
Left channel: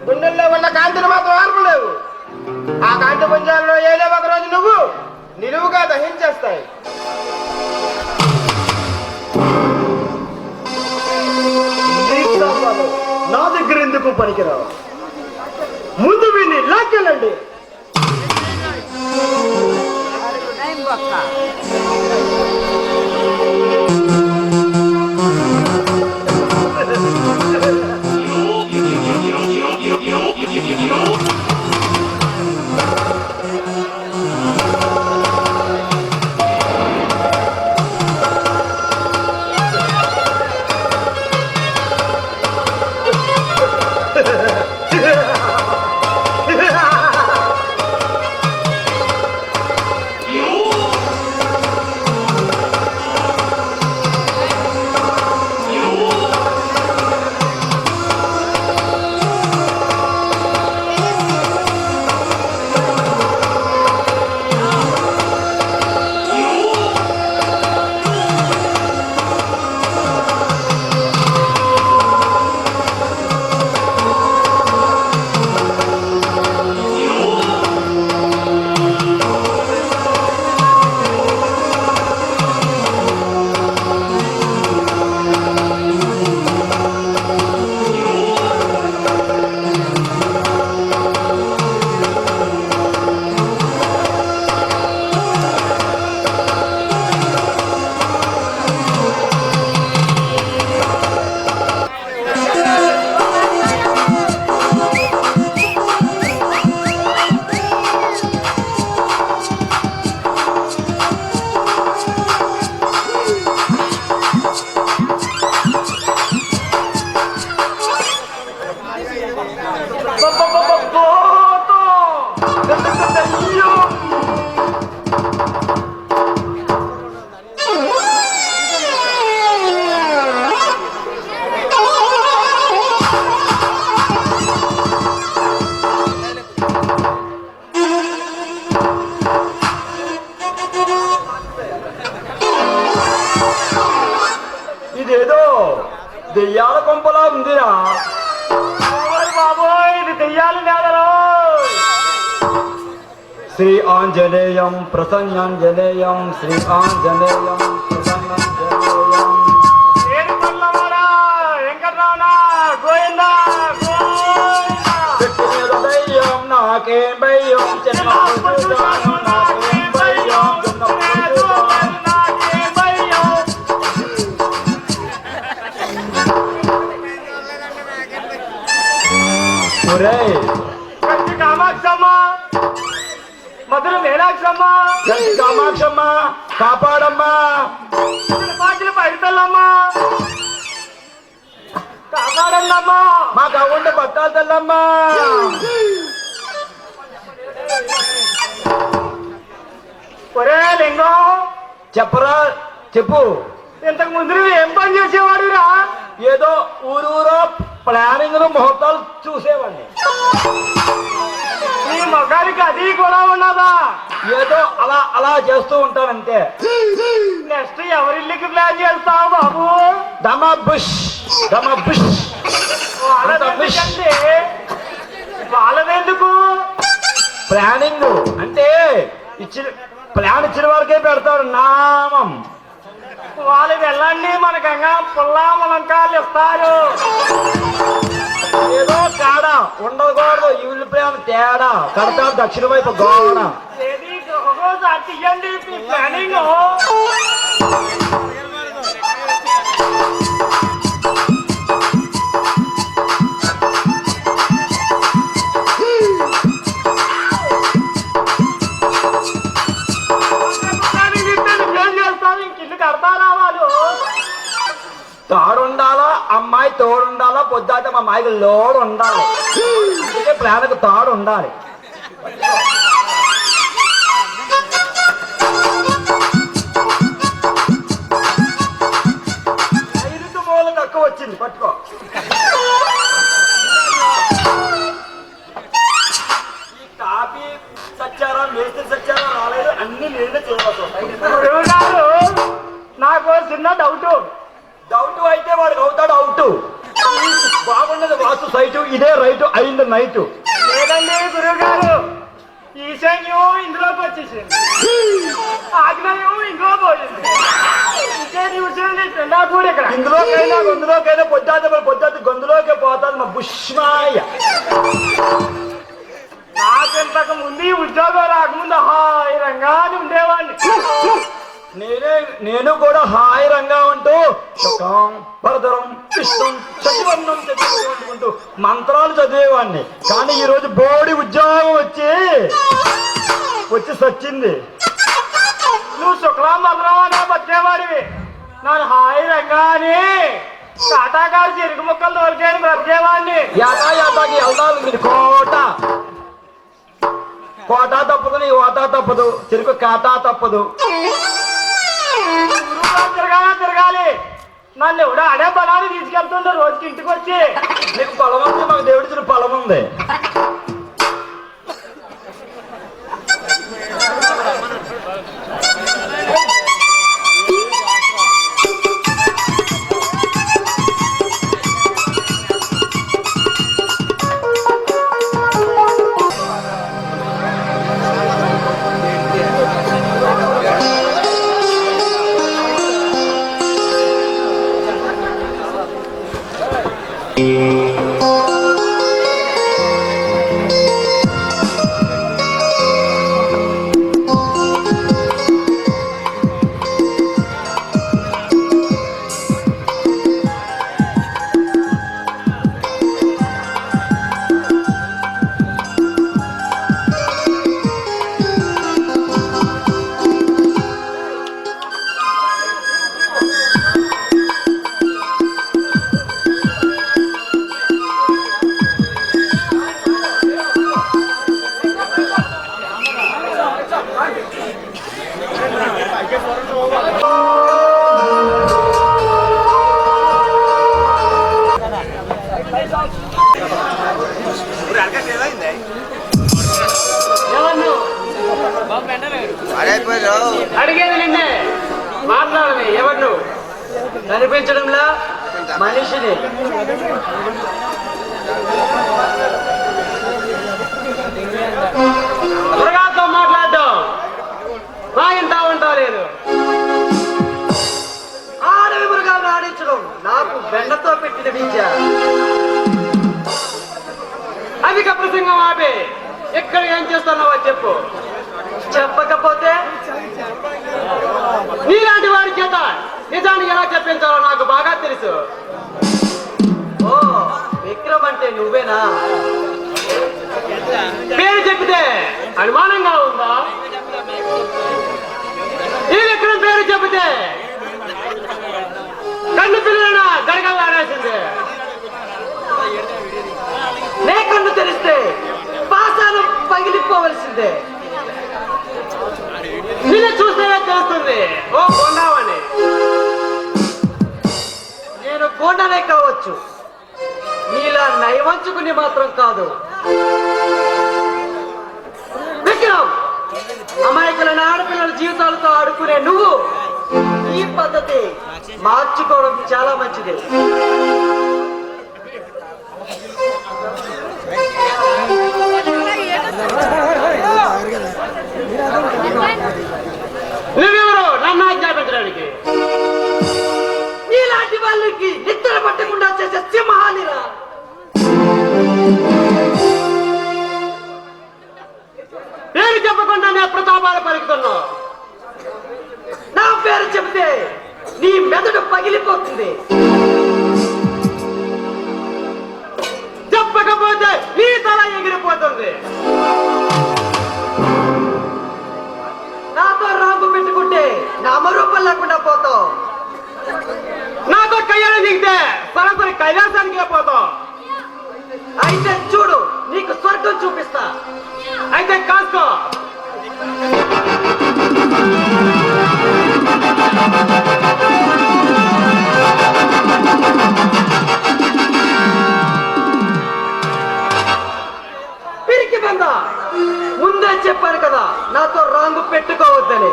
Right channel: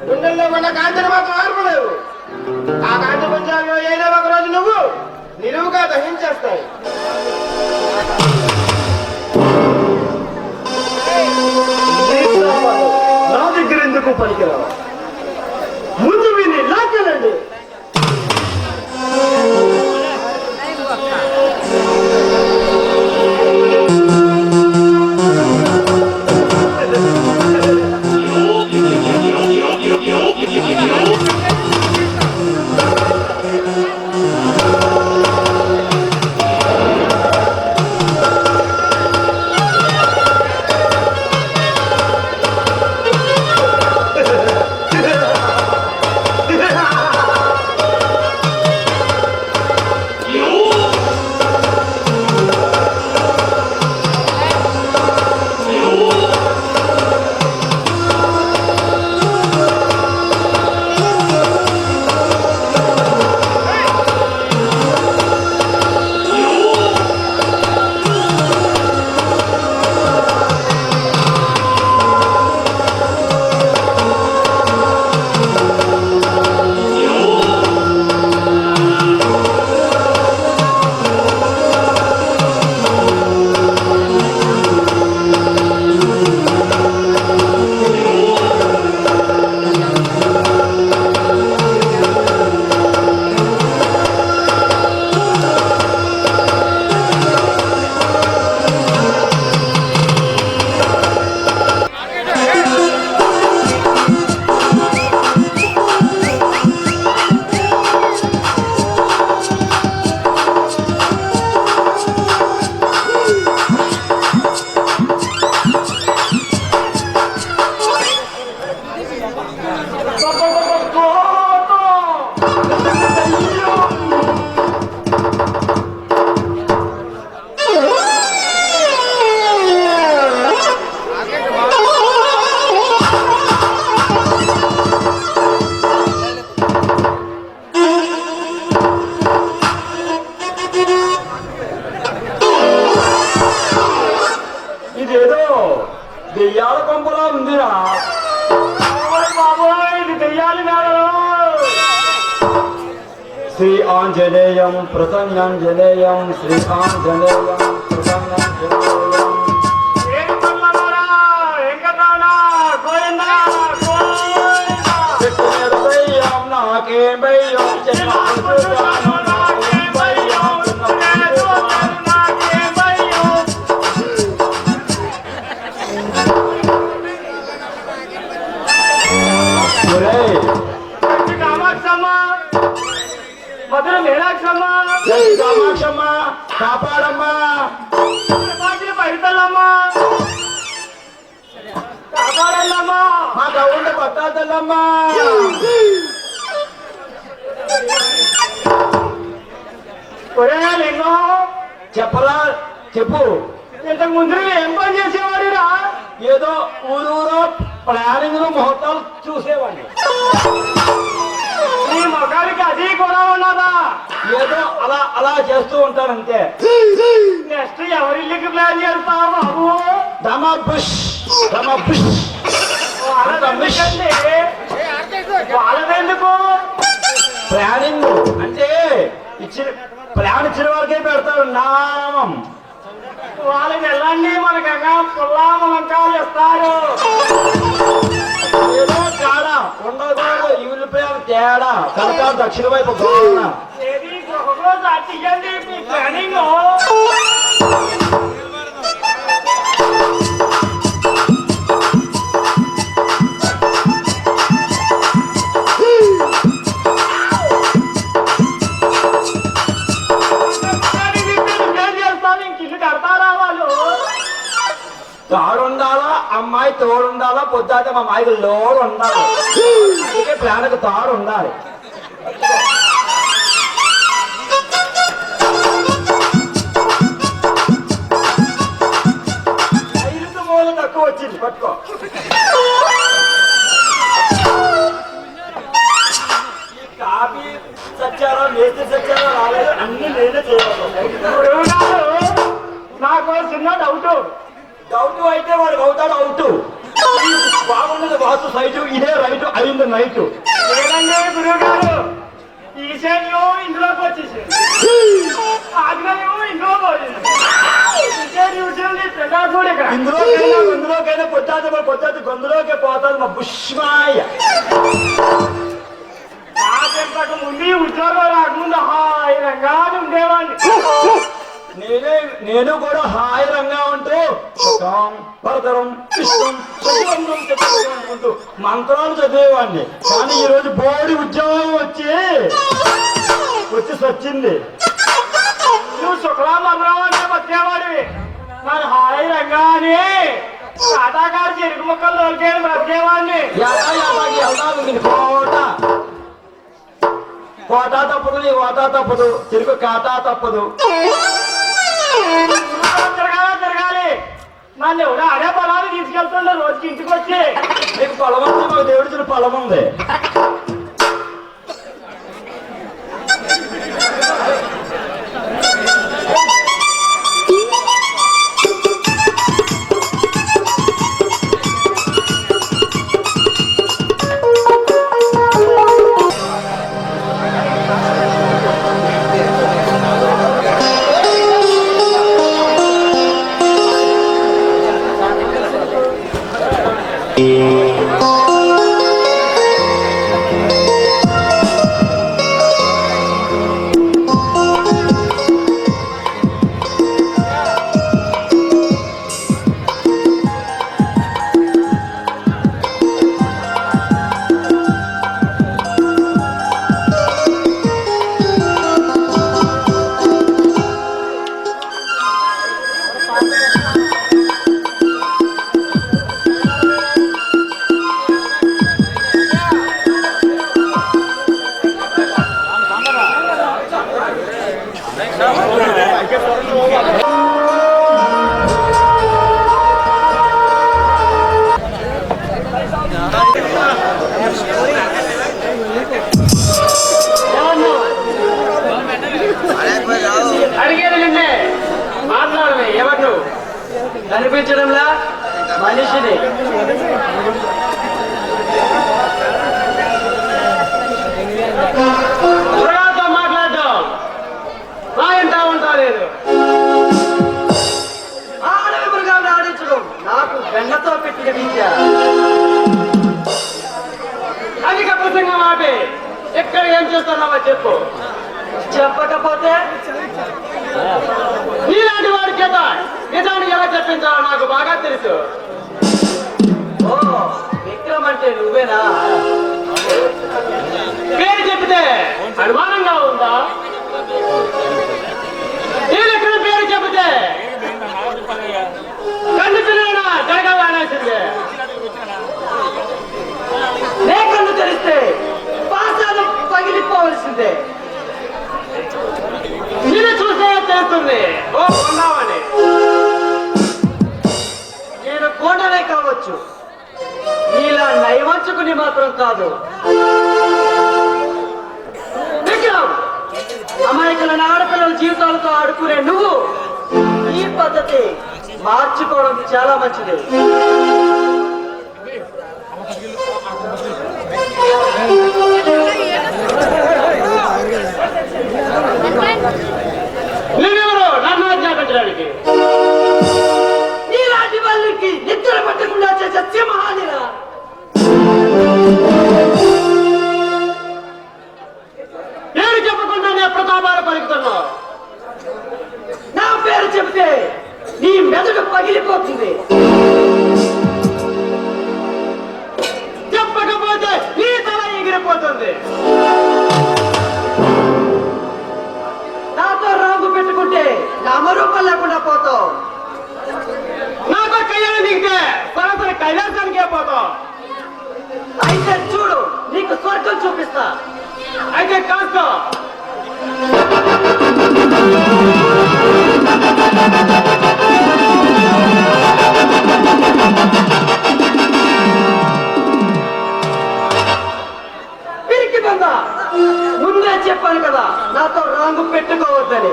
గుండెల్లో ఉన్న కాంతిని మాత్రం ఆర్పలేవు. ఆ కాంతి పుంజాల్లో ఏదో ఒక రోజు నువ్వు నిలువుగా దహించేస్తాయి. నా దగ్గర ఎందుకు పనికిరావు? ముందు విని లాక్కెళ్ళండి. దెయ్యాల కొంపలా ఉందిరా. బాబోయ్ ఇది దెయ్యాలు కాదు. శ్రీ ఆంజనేయం ప్రసన్నాంజనేయం శ్రీ ఆంజనేయం ప్రసన్నాంజనేయం. ఏడు పల్లవాడా వెంకటరమణ గోవిందా గోవిందా. దెయ్యం నాకేం భయం చిన్నప్పుడు చూశాను నాకేం భయం చిన్నప్పుడు చూశాను నాకేం భయం. ఒరేయ్ కంచి కామాక్షమ్మ మధుర మీనాక్షమ్మ కామాక్షమ్మ కాపాడమ్మా. పాటల పైతల్లమ్మ కాపాడల్లమ్మ. మా గౌండ పట్టాలు తెల్లమ్మా. ఒరే లింగం చెప్పరా చెప్పు. ఇంతకు ముందు ఏం పని చేసేవాడురా? ఏదో ఊరూరో ప్లానింగ్ ముహూర్తాలు చూసేవాడిని. నీ మొగానికి అది కూడా ఉన్నదా? ఏదో అలా అలా చేస్తూ ఉంటానంతే. నెక్స్ట్ ఎవరిల్లికి ప్లాన్ చేస్తావు బాబు? డమా బుష్ డమా బుష్. వాళ్ళదెందుకండి? వాళ్ళదెందుకు? ప్లానింగ్ అంటే ప్లాన్ ఇచ్చిన వరకే పెడతారు నామం. వాళ్ళు వెళ్ళండి మనకగా పుల్లా ములంకాలు ఇస్తారు. ఏదో తేడా ఉండకూడదు. ఇల్లు ప్రేమ తేడా కనుక దక్షిణ వైపు గోడ. ఏది గృహరోజు అట్టియండి మీ ప్లానింగ్. తాడుండాలా అమ్మాయి తోడుండాలా పొద్దుతే మా మాయకు లోడు ఉండాలి. అందుకే ప్లాన్కు తాడు ఉండాలి. ఐదు మూల తక్కువ వచ్చింది పట్టుకో. ఈ కాపీ సచ్చారా మేస్త్రి సచ్చారా రాలేదు అన్ని నేనే చూడాలి. నాకు చిన్న డౌట్. డౌట్ అయితే వాడికి అవుతాడు అవుట్. బాగున్నది వాస్తు సైటు ఇదే రైట్ అయింది నైట్. లేదండి గురువు గారు, ఈశాన్యం ఇందులోకి వచ్చేసింది, ఆగ్నేయం ఇందులో పోయింది. ఇందులోకైనా పొద్దుతే గొంతులోకే పోతాను మా బుష్మాయ. నాకింతకు ముందు ఉద్యోగం రాకముందు హాయిరంగా ఉండేవాడిని. నేను కూడా హాయిరంగా ఉంటూ సుఖం వరదరం ఇష్టం చదివన్నం చదువుకుంటూ మంత్రాలు చదివేవాడిని. కానీ ఈ రోజు బోడి ఉద్యోగం వచ్చి సచ్చింది. నువ్వు శుక్రామరావు అనే బతికేవాడివి, నన్ను హాయిరంగా అని కాటాకారు చెరుకు ముక్కలు దొరికేది బ్రతికేవాడిని. కోట తప్పదు నీ ఓటా తప్పదు చెరుకు కాటా తప్పదు. తిరగాలి. నన్ను ఎవడో అనే పొలాన్ని తీసుకెళ్తుండే రోజుకి ఇంటికి వచ్చి. నీకు పొలం ఉంది, మాకు దేవుడి పొలం ఉంది. అడిగేది నిన్నే, మాట్లాడలే. ఎవరు కనిపించడంలా మనిషిని. మృగాలతో మాట్లాడటం రాయంతా ఉంటా లేదు. ఆడవి మృగాలు ఆడించడం నాకు బెండతో పెట్టిన విద్య. అధిక ప్రసంగం ఆపి ఎక్కడ ఏం చేస్తున్నావో చెప్పు. చెప్పకపోతే నీలాంటి వాడి చేత నిజాన్ని ఎలా చెప్పించాలో నాకు బాగా తెలుసు. ఓ విక్రమ్ అంటే నువ్వేనా? పేరు చెప్తే అనుమానంగా ఉందా? ఈ విక్రమ్ పేరు చెబితే కన్ను పిల్లనా జరగాలనేసింది. నే కన్ను తెరిస్తే పాసాలు పగిలిపోవలసిందే. నేను చూస్తే తెలుస్తుంది ఓ కొండావని. నేను కొండనే కావచ్చు, నీలా నయవంచుకుని మాత్రం కాదు. విక్రమ్, అమాయకులైన ఆడపిల్లల జీవితాలతో ఆడుకునే నువ్వు ఈ పద్ధతి మార్చుకోవడం చాలా మంచిది. నువ్వెవరు నన్ను ఆజ్ఞాపించడానికి? నీలాంటి వాళ్ళకి నిద్ర పట్టకుండా చేసే సింహానిరా. పేరు చెప్పకుండా నేను ప్రతాపాలు పలుకుతున్నావు. నా పేరు చెబితే నీ మెదడు పగిలిపోతుంది. చెప్పకపోతే నీ తల ఎగిరిపోతుంది. నాతో రాంపు పెట్టుకుంటే నామరూపం లేకుండా పోతావు. నాతో కయ్యాలు దిగితే పరపరి కైలాసానికే పోతావు. అయితే చూడు, నీకు స్వర్గం చూపిస్తా. అయితే కాస్త పిరికి బంద, ముందే చెప్పాను కదా నాతో రాంగు పెట్టుకోవద్దని.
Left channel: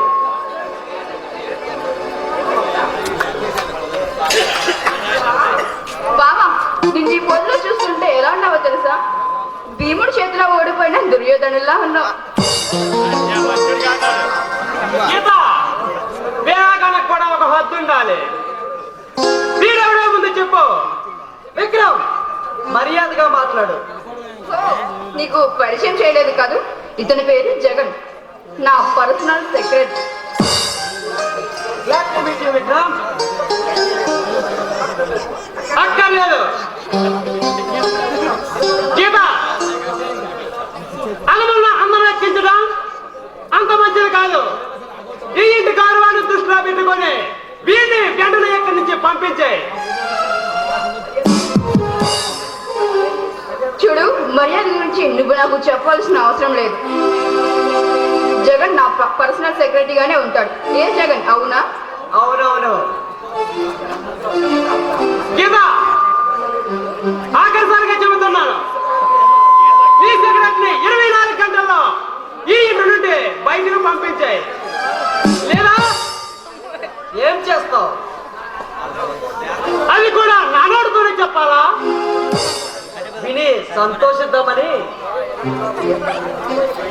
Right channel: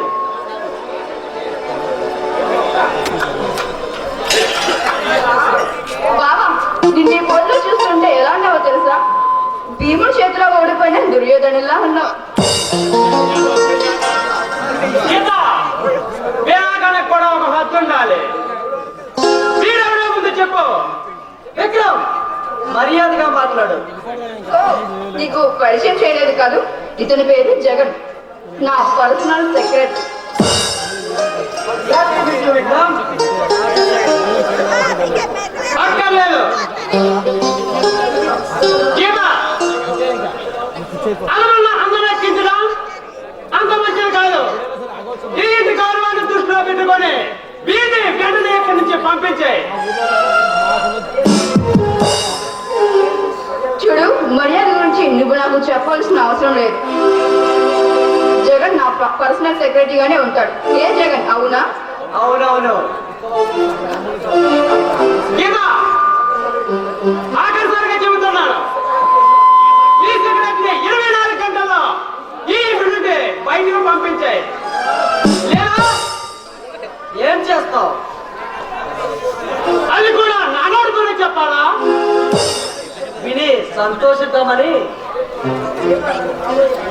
బావా, నిన్ను ఈ పొద్దులో చూస్తుంటే ఎలా ఉన్నావో తెలుసా? భీముడి చేతిలో ఓడిపోయిన దుర్యోధనులా ఉన్నావు. కూడా ఒక హద్దు ఉండాలి. వీడెవడో ముందు చెప్పు. విక్రమ్, మర్యాదగా మాట్లాడు. ఓ, నీకు పరిచయం చేయలేదు కాదు, ఇతని పేరు జగన్, నా పర్సనల్ సెక్రటరీ. విక్రమ్ అక్కర్లేదు. అలమల్ల అందరూ ఎక్కించడం అంత మంచిది కాదు. ఈ ఇంటి గౌరవాన్ని దృష్టిలో పెట్టుకొని వీటిని వెంటనే ఎక్కడి నుంచి పంపించాయి. చూడు, మర్యాద గురించి నువ్వు నాకు చెప్పాల్సిన అవసరం లేదు. జగన్ నా పర్సనల్ సెక్రటరీగానే ఉంటాడు. ఏ జగన్, అవునా? అవునవును. ఆఖరిసారిగా చెబుతున్నాను, ఈ సెక్రటరీని 24 గంటల్లో ఈ ఇంటి నుండి బయటకు పంపించాయి. లేదా ఏం చేస్తావు? అది కూడా నానోడుతూనే చెప్పాలా? విని సంతోషిద్దామని.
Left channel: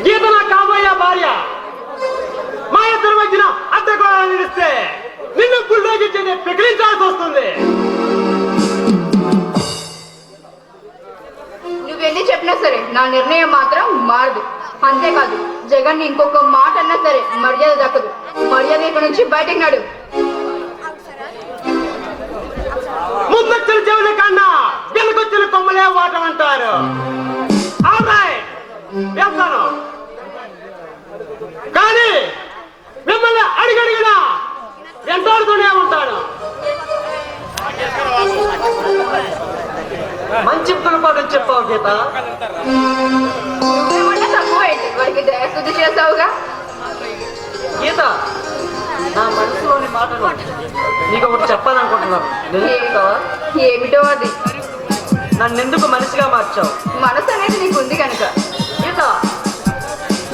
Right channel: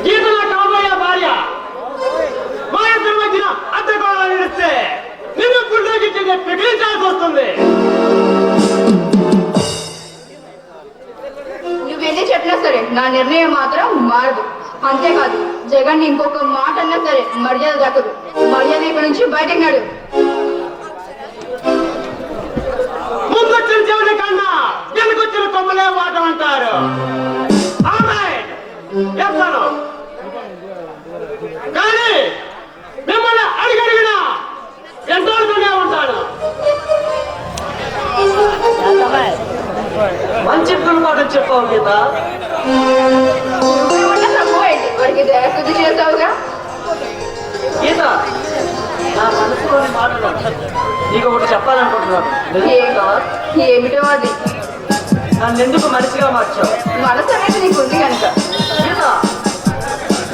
గీత నా కాబోయే భార్య. మా ఇద్దరి మధ్యన అద్దెకోవాలని నిలిస్తే నిన్ను గుండెకి పిగిలించాల్సి వస్తుంది. నువ్వెన్ని చెప్పినా సరే నా నిర్ణయం మాత్రం మారదు. అంతేకాదు, జగన్ ఇంకొక మాట అన్నా సరే మర్యాద దక్కదు. మర్యాద ఇక్కడ నుంచి బయటకు నడు. ముందొచ్చిన చెవుల కన్నా వెనుకొచ్చిన కొమ్మలే వాటం అంటారు. చెప్తాను, కానీ మిమ్మల్ని అడిగడిగినా ఎంతోడుతూనే ఉంటాను. మంచి పాఠం చెప్పావు గీత. వారికి దయశుద్ధి చేస్తావుగా. గీత, నా మనసులోని మాటలు నీకు ఒకటి చెప్పాలనుకుంటున్నాను. ఏమిటో అది? నన్ను ఎందుకు మనిషిగా మార్చావు? మనసు అనేది నీకు ఉంది కనుక. గీత,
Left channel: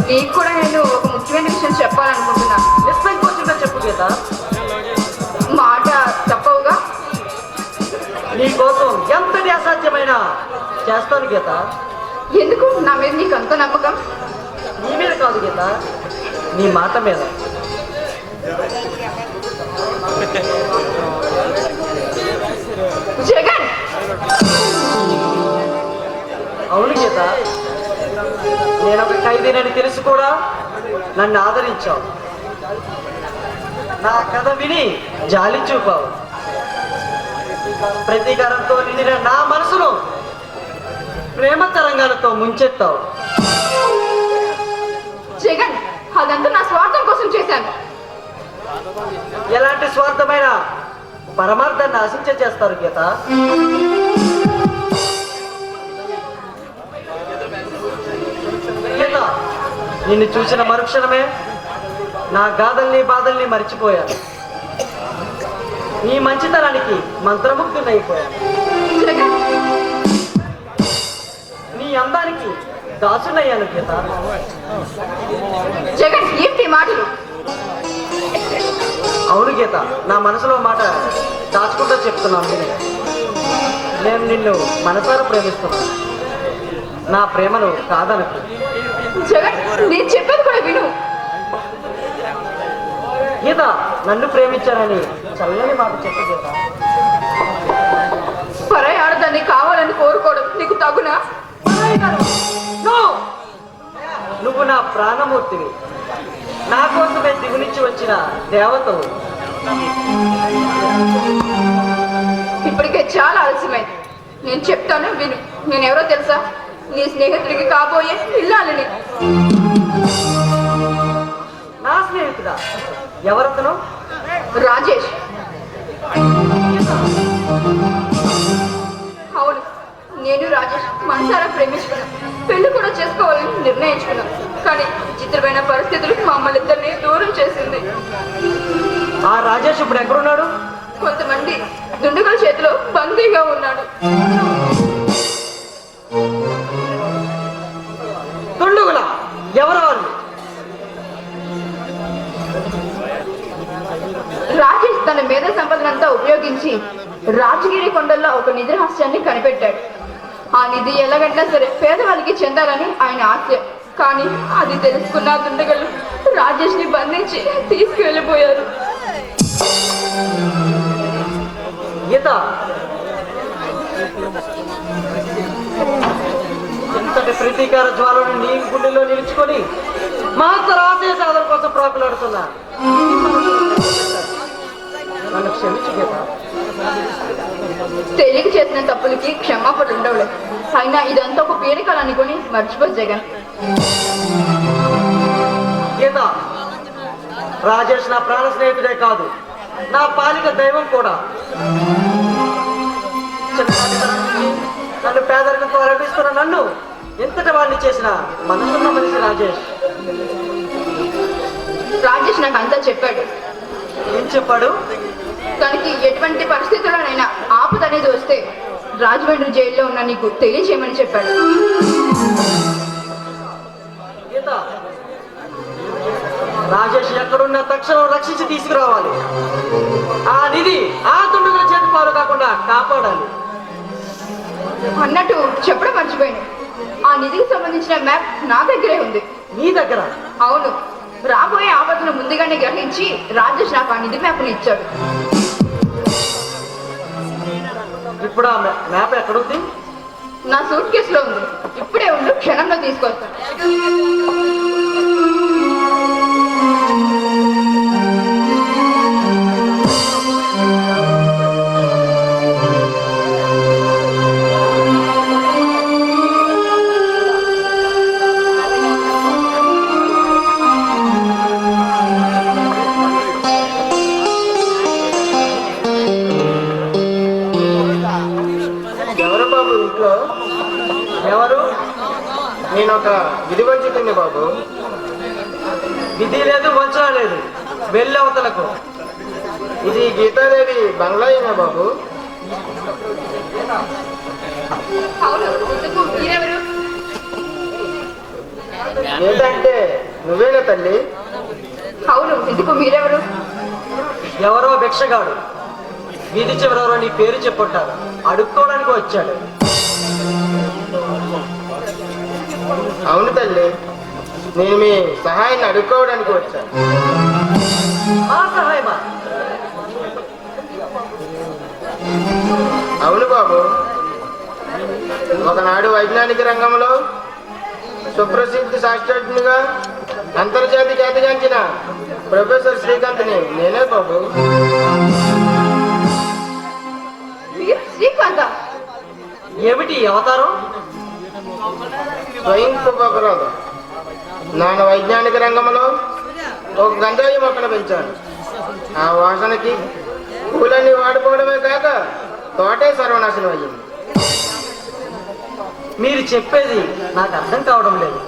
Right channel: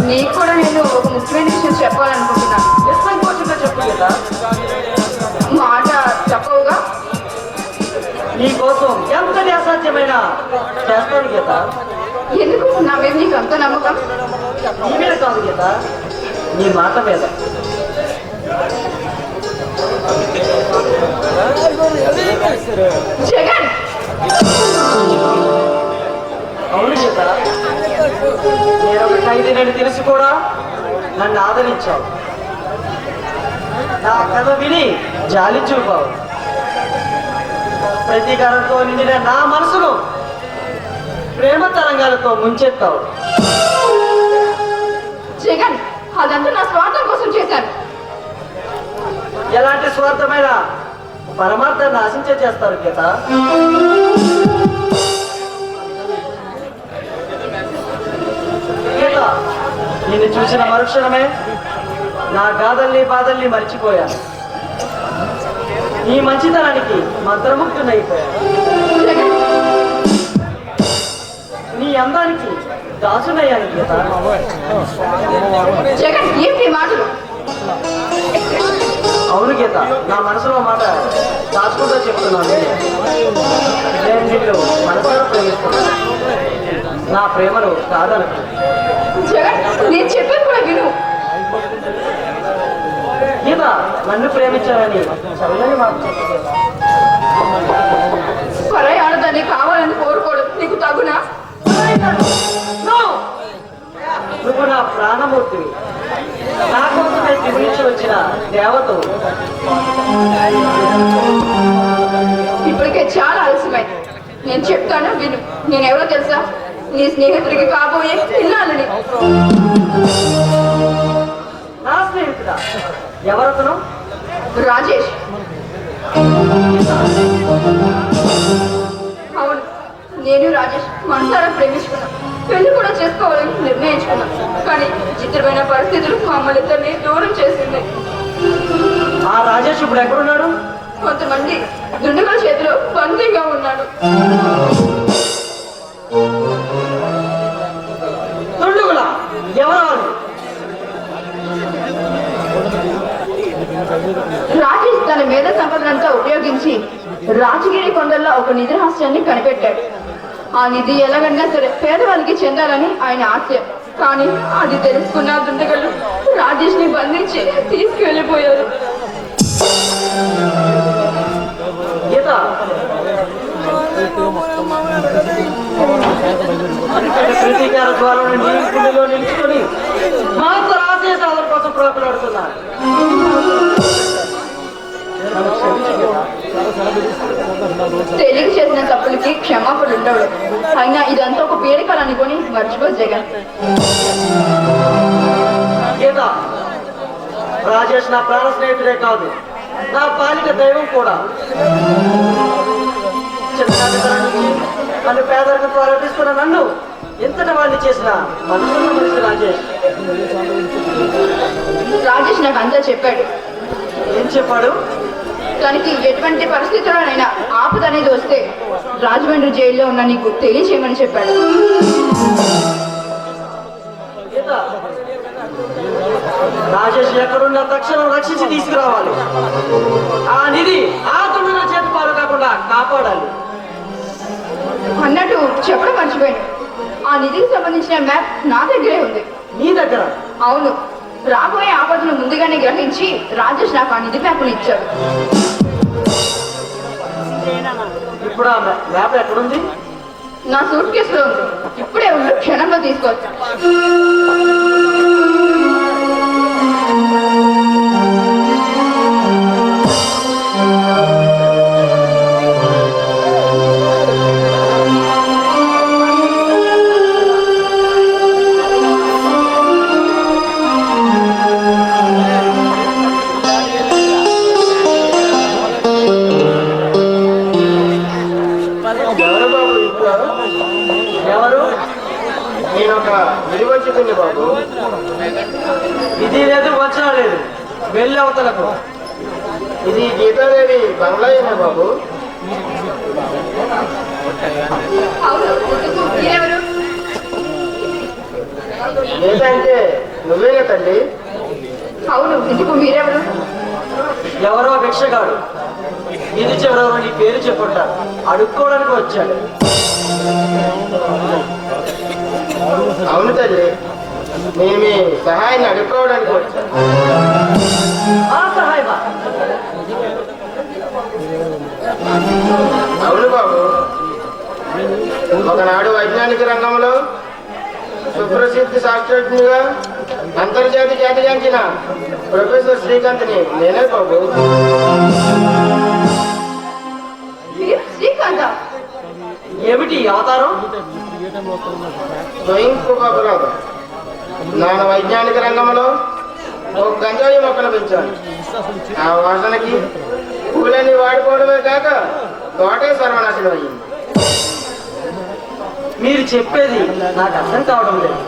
నీకు కూడా నేను ఒక ముఖ్యమైన విషయం చెప్పాలనుకుంటున్నాను. నిస్సంకోచంగా చెప్పు గీత. మాట చెప్పవుగా. చేస్తాను గీత. ఎందుకు నా మీద నీకు అంత నమ్మకం? నీ మీద కాదు గీత, నీ మాట మీద. జగన్, అవును గీత, నేను ఒక ఖైదీనని తెలిసి కూడా నన్ను ఆదరించావు. నా కథ విని జాలి చూపావు. ప్రతీకారంతో నిండిన నా మనసును ప్రేమ తరంగాలతో ముంచెత్తావు. జగన్, అదంతా నా స్వార్థం కోసం చేశాను. ఎలాంటి స్వార్థమైన పరమార్థాన్ని ఆశించే చేస్తారు గీత. గీత, నిన్ను చూసిన మరుక్షణమే నా గాథల్ని బాధల్ని మర్చిపోయాను. నీ మంచితనానికి మంత్రముగ్ధునైపోయాను. జగన్, నీ అందానికి దాసునయ్యాను గీత. జగన్, ఏంటి మాటలు? అవును గీత, నా మనసులో మాట దాచుకుంటూ చెప్తున్నాను. నేను నిన్ను మనసారా ప్రేమిస్తున్నాను. నా ప్రేమను కాదనకు. జగన్, నేను చెప్పేది కూడా విను. గీత, నన్ను ప్రేమించాలని చల్లని మాట చెప్పు గీత. పరాయి ఆడదాన్ని కావాలని కోరుకోవడం నీకు తగునా? No! నువ్వు నా ప్రాణమూర్తివి. నా కోసమే గురించి వచ్చిన దేవతవు. ఇప్పటికే చాలా ఆలస్యమైంది. నేను చెప్తాను విను. నేనెవరో తెలుసా? నీ స్నేహితుడికి కాబోయే పిల్లాలని. నా స్నేహితుడా? ఎవరతను? రాజేష్. అవును, నేను రాజేష్ మనసారా ప్రేమించుకున్నాం. పెళ్లి కూడా చేసుకోవాలని నిర్ణయించుకున్నాం. కానీ చిత్రమైన పరిస్థితులు మమ్మల్ని ఇద్దరిని దూరం చేసింది. ఆ రాజేష్ ఇప్పుడు ఎక్కడున్నాడు? కొంతమంది దుండగుల చేతిలో బందీగా ఉన్నాడు. దుండుగులా? ఎవరు వాళ్ళు? రాజేష్ తన మేధ సంపదనంతా ఉపయోగించి రాజగిరి కొండల్లో ఒక నిధి రహస్యాన్ని కనిపెట్టాడు. ఆ నిధి ఎలాగైనా సరే పేదవాళ్ళకి చెందాలని ఆయన ఆశ. కానీ అది తెలుసుకున్న దుండగలు రాజేష్ ని బంధించి తీసుకువెళ్ళిపోయారు. గీత, అంతటి ప్రతీకార ద్వారాన్ని నీ గుండెలో నిలుచుకొని మాత రాజేష్ సాధన కోసం ప్రాకులాడుతున్నా. నన్ను క్షమించు గీత. తెలియక చేసిన తప్పులకి క్షమాపణ ఉండవు. అయినా ఇదంతా ఒక పీడకలు అనుకొని మర్చిపో జగన్. గీత, రాజేష్ నా ప్రాణ స్నేహితుడే కాదు, నా పాలిక దైవం కూడా. నన్ను పేదరికంతో ఆరాధిస్తున్న నన్ను ఎంతటి వాడిని చేసిన మనసున్న మనిషి రాజేష్. రాజేష్ నాకు అంతా చెప్పాడు. ఏం చెప్పాడు? తనకి ఎటువంటి పరిస్థితుల్లోనైనా ఆపద అనేది వస్తే రాజమండ్రి జైల్లో ఉన్న నీకు తెలియచేయమని చెప్పాడు. గీత, రాజేష్ ఎక్కడున్న తక్షణం రక్షించి తీసుకురావాలి. ఆ నిధి ఆ దుండగుల చేతి పాలు కాకుండా కాపాడాలి. అన్నట్టు చెప్పడం మర్చిపోయాను. ఆ నిధికి సంబంధించిన మ్యాప్ నా దగ్గరే ఉంది. నీ దగ్గర? అవును, రాబోయే ఆపదను ముందుగానే గ్రహించి రాజేష్ నాకు ఆ నిధి మ్యాప్ను ఇచ్చాడు. ఇప్పుడు ఆ మ్యాప్ ఎక్కడుంది? నా సూట్ కేసులో ఉంది. ఇప్పుడే ఉండు, క్షణంలో తీసుకొచ్చాను. ఎవరు బాబు ఇంట్లో? ఎవరు? నేను ఒక విడివచ్చింది బాబు. విధి లేదు, వంచన లేదు. వెళ్ళి అవతలకు. ఇది గీతాదేవి బంగ్లా అయినా బాబు. అవును, ఇంతకు మీరెవరు? ఏంటంటే నువ్వేనా తండ్రి? అవును, ఇందుకు మీరెవరు? ఎవరో భిక్షగాడు వీధి చివరెవరో నీ పేరు చెప్పుంటారు, అడుక్కోవడానికి వచ్చాడు. అవును తల్లి, నేను మీ సహాయాన్ని అడుక్కోవడానికి వచ్చాను. ఆ సహాయమా? అవును బాబు, ఒకనాడు వైజ్ఞానిక రంగంలో సుప్రసిద్ధ శాస్త్రజ్ఞుగా అంతర్జాతీయ ఖ్యాతిగాంచిన ప్రొఫెసర్ శ్రీకాంత్ని నేనే బాబు. శ్రీకాంత ఏమిటి అవతారం? స్వయం కృపాపరాధం. నాన్న వైజ్ఞానిక రంగంలో ఒక గంజాయి మొక్కను పెంచాను. ఆ వాసనకి పూలని వాడుకోవడమే కాక తోటే సర్వనాశనం అయ్యింది. మీరు చెప్పేది నాకు అర్థం కావడం లేదు.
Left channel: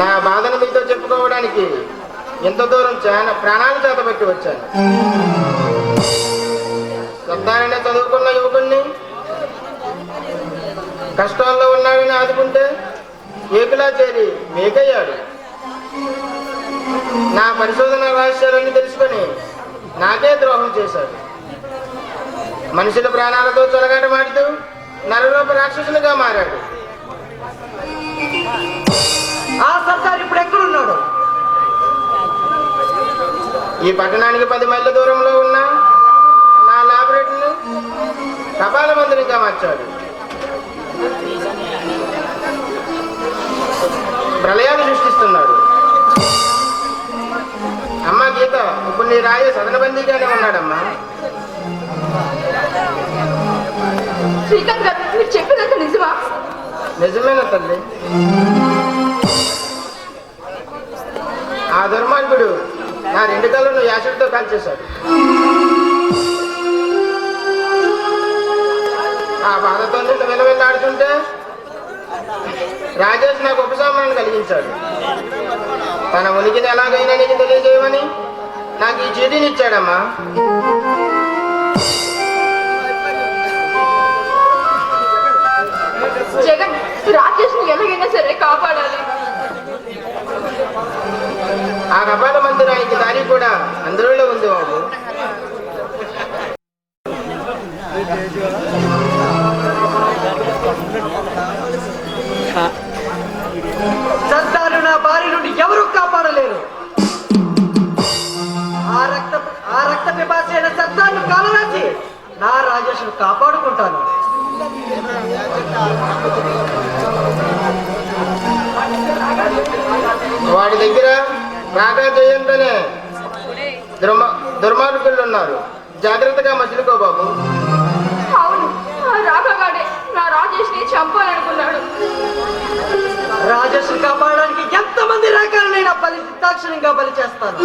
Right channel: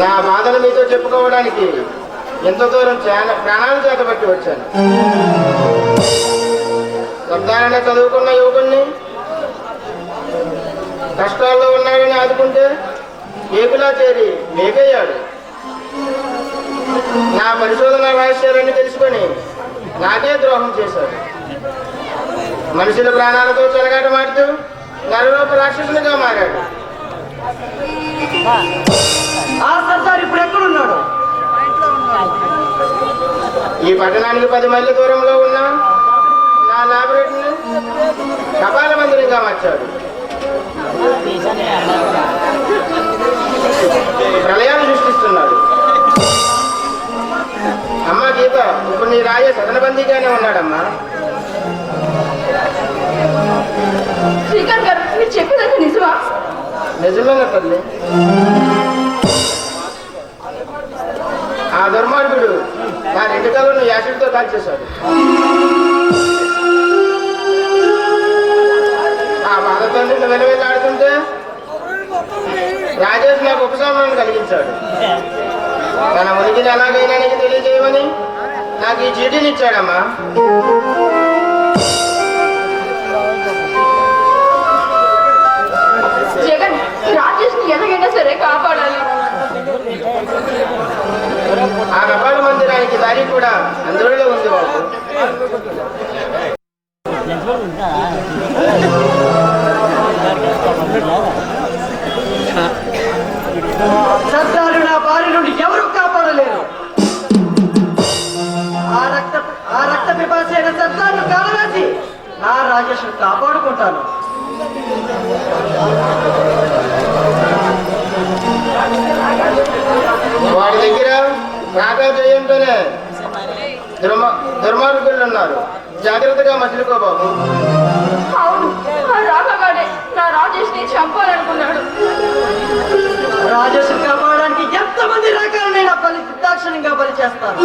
నా బాధను మీతో చెప్పుకోవడానికి ఎంత దూరం ప్రాణాలు చేతబట్టి వచ్చాను. సొంతానైనా చదువుకున్న యువకుణ్ణి కష్టాల్లో ఉన్నాడని ఆదుకుంటే ఏకులా చేరి మేకయ్యాడు. నా పరిశోధన రహస్యాలన్నీ తెలుసుకొని నాకే ద్రోహం చేశాడు. మనుషుల ప్రాణాలతో చెలగాటమాడుతూ నరరూప రాక్షసునిగా మారాడు. ఆ సర్దార్ ఇప్పుడు ఎక్కడున్నాడు? ఈ పట్టణానికి 10 మైళ్ళ దూరంలో ఉన్న నా లాబొరేటరీని కపాల మందిరంగా మార్చాడు. ప్రళయాలు సృష్టిస్తున్నాడు. అమ్మా గీత, ఇప్పుడు నీ రాజే సదనబందీగానే ఉన్నాడమ్మా. శ్రీకాంత్ గారు, మీరు చెప్పినంత నిజమా? నిజమేనా తల్లి? ఆ దుర్మార్గుడు నా 2 కళ్ళను యాసిడ్తో కాల్చేశాడు. ఆ బాధతో నిన్ను విలవిల్లాడుతుంటే రాజేష్ నాకు ఉపశమనం కలిగించాడు. తన ఉనికిని ఎలాగైనా నీకు తెలియజేయమని నాకు ఈ చీటీని ఇచ్చాడమ్మా. జగన్, రాజేష్ ని ఎలాగైనా సరే కాపాడాలి. ఆ కపాల మందిరానికి దారి కూడా అందులో ఉంది బాబు. సర్దారు నా భార్య నుండి ఎవరు కాపాడలేరు. ఆ రక్త పిపాసి అయిన సర్దార్ను కాలరాసి నా రాజేష్ కాపాడుకుంటాను. వాడి దగ్గర నాగా చేయంతోనే దుర్మార్గులు ఉన్నారు. జాగ్రత్తగా మసులుకో బాబు. అవును, ఆ రాఘగాడే నా రాజేష్ ని చంపాలనుకున్నాడు. రాజేష్ కాపాడడానికి ఎంతమంది రకాలైన బలి సిద్ధాక్షణంగా బలి చేస్తాను.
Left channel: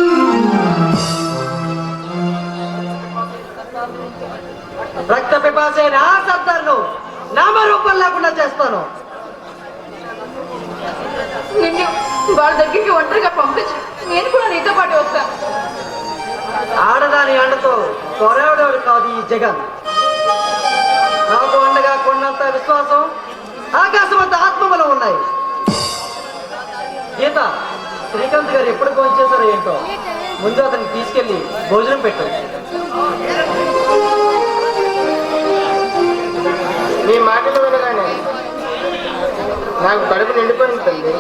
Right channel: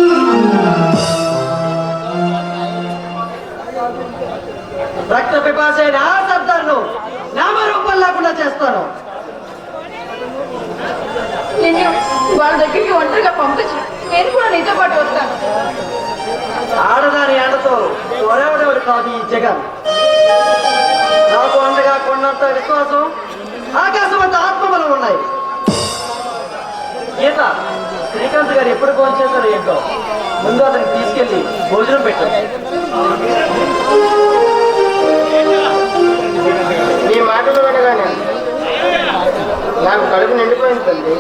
రక్త పిపాసి అయిన ఆ సర్దార్ను నామరూపం లేకుండా చేస్తాను. నిన్ను వాళ్ళ దగ్గరికి ఒంటరిగా పంపించు, నేను కూడా నీతో పాటు వస్తాను. ఆడదాని అండతో తొలవడం కాదు ఈ జగన్. నాకు అండగా కొన్నంత విశ్వాసం, ఆకాశం అంత ఆత్మబలం ఉన్నాయి. గీత, శ్రీకాంత్ గారు ఎప్పుడు ఫోన్ చేశారో ఏంటో, ముందు అతనికి తీసుకెళ్లి భోజనం పెట్టు. నీ మాటలు వినగానే నాకు కడుపు నిండిపోయింది తల్లి.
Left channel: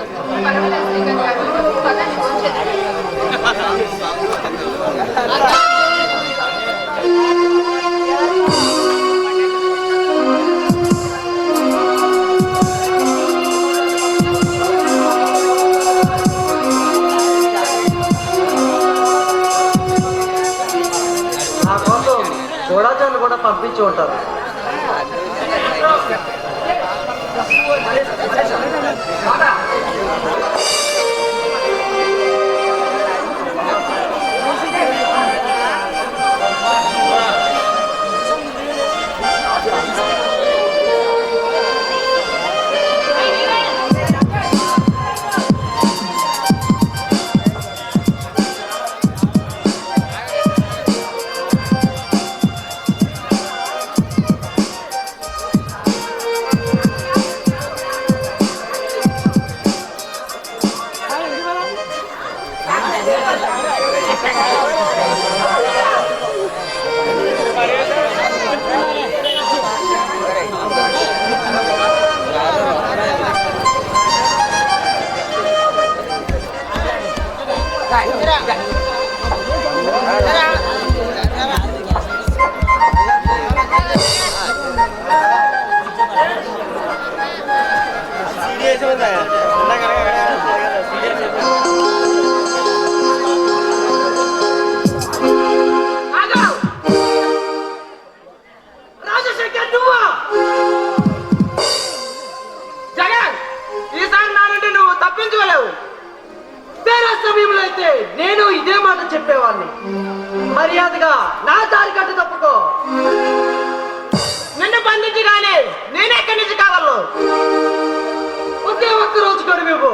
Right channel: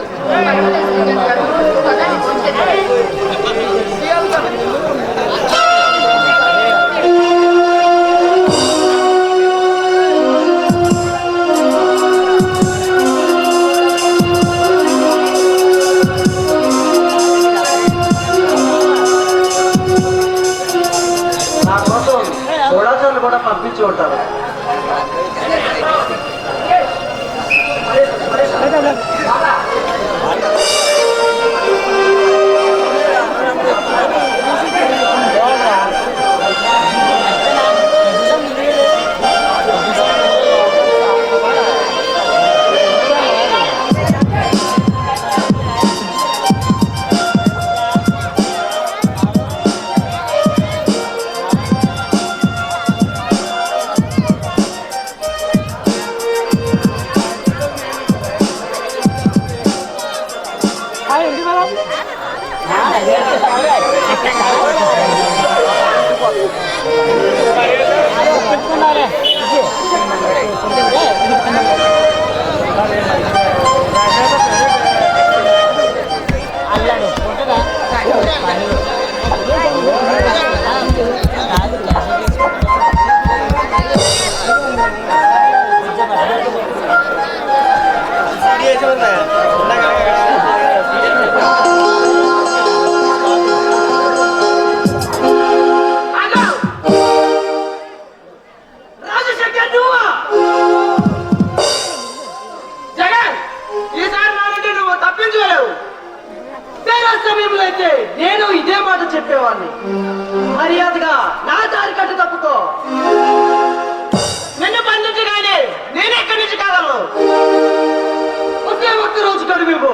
నా కోసం చూడాచారులు కూడా పంపించి ఉంటారు. వాడిని. మర్యాదగా నా దారి కట్టు తప్పుకో. నిన్ను బంధించగానే నేనెక్కడి నుంచి కాగలను? ఒకే ఒక్క రోజు కడుగు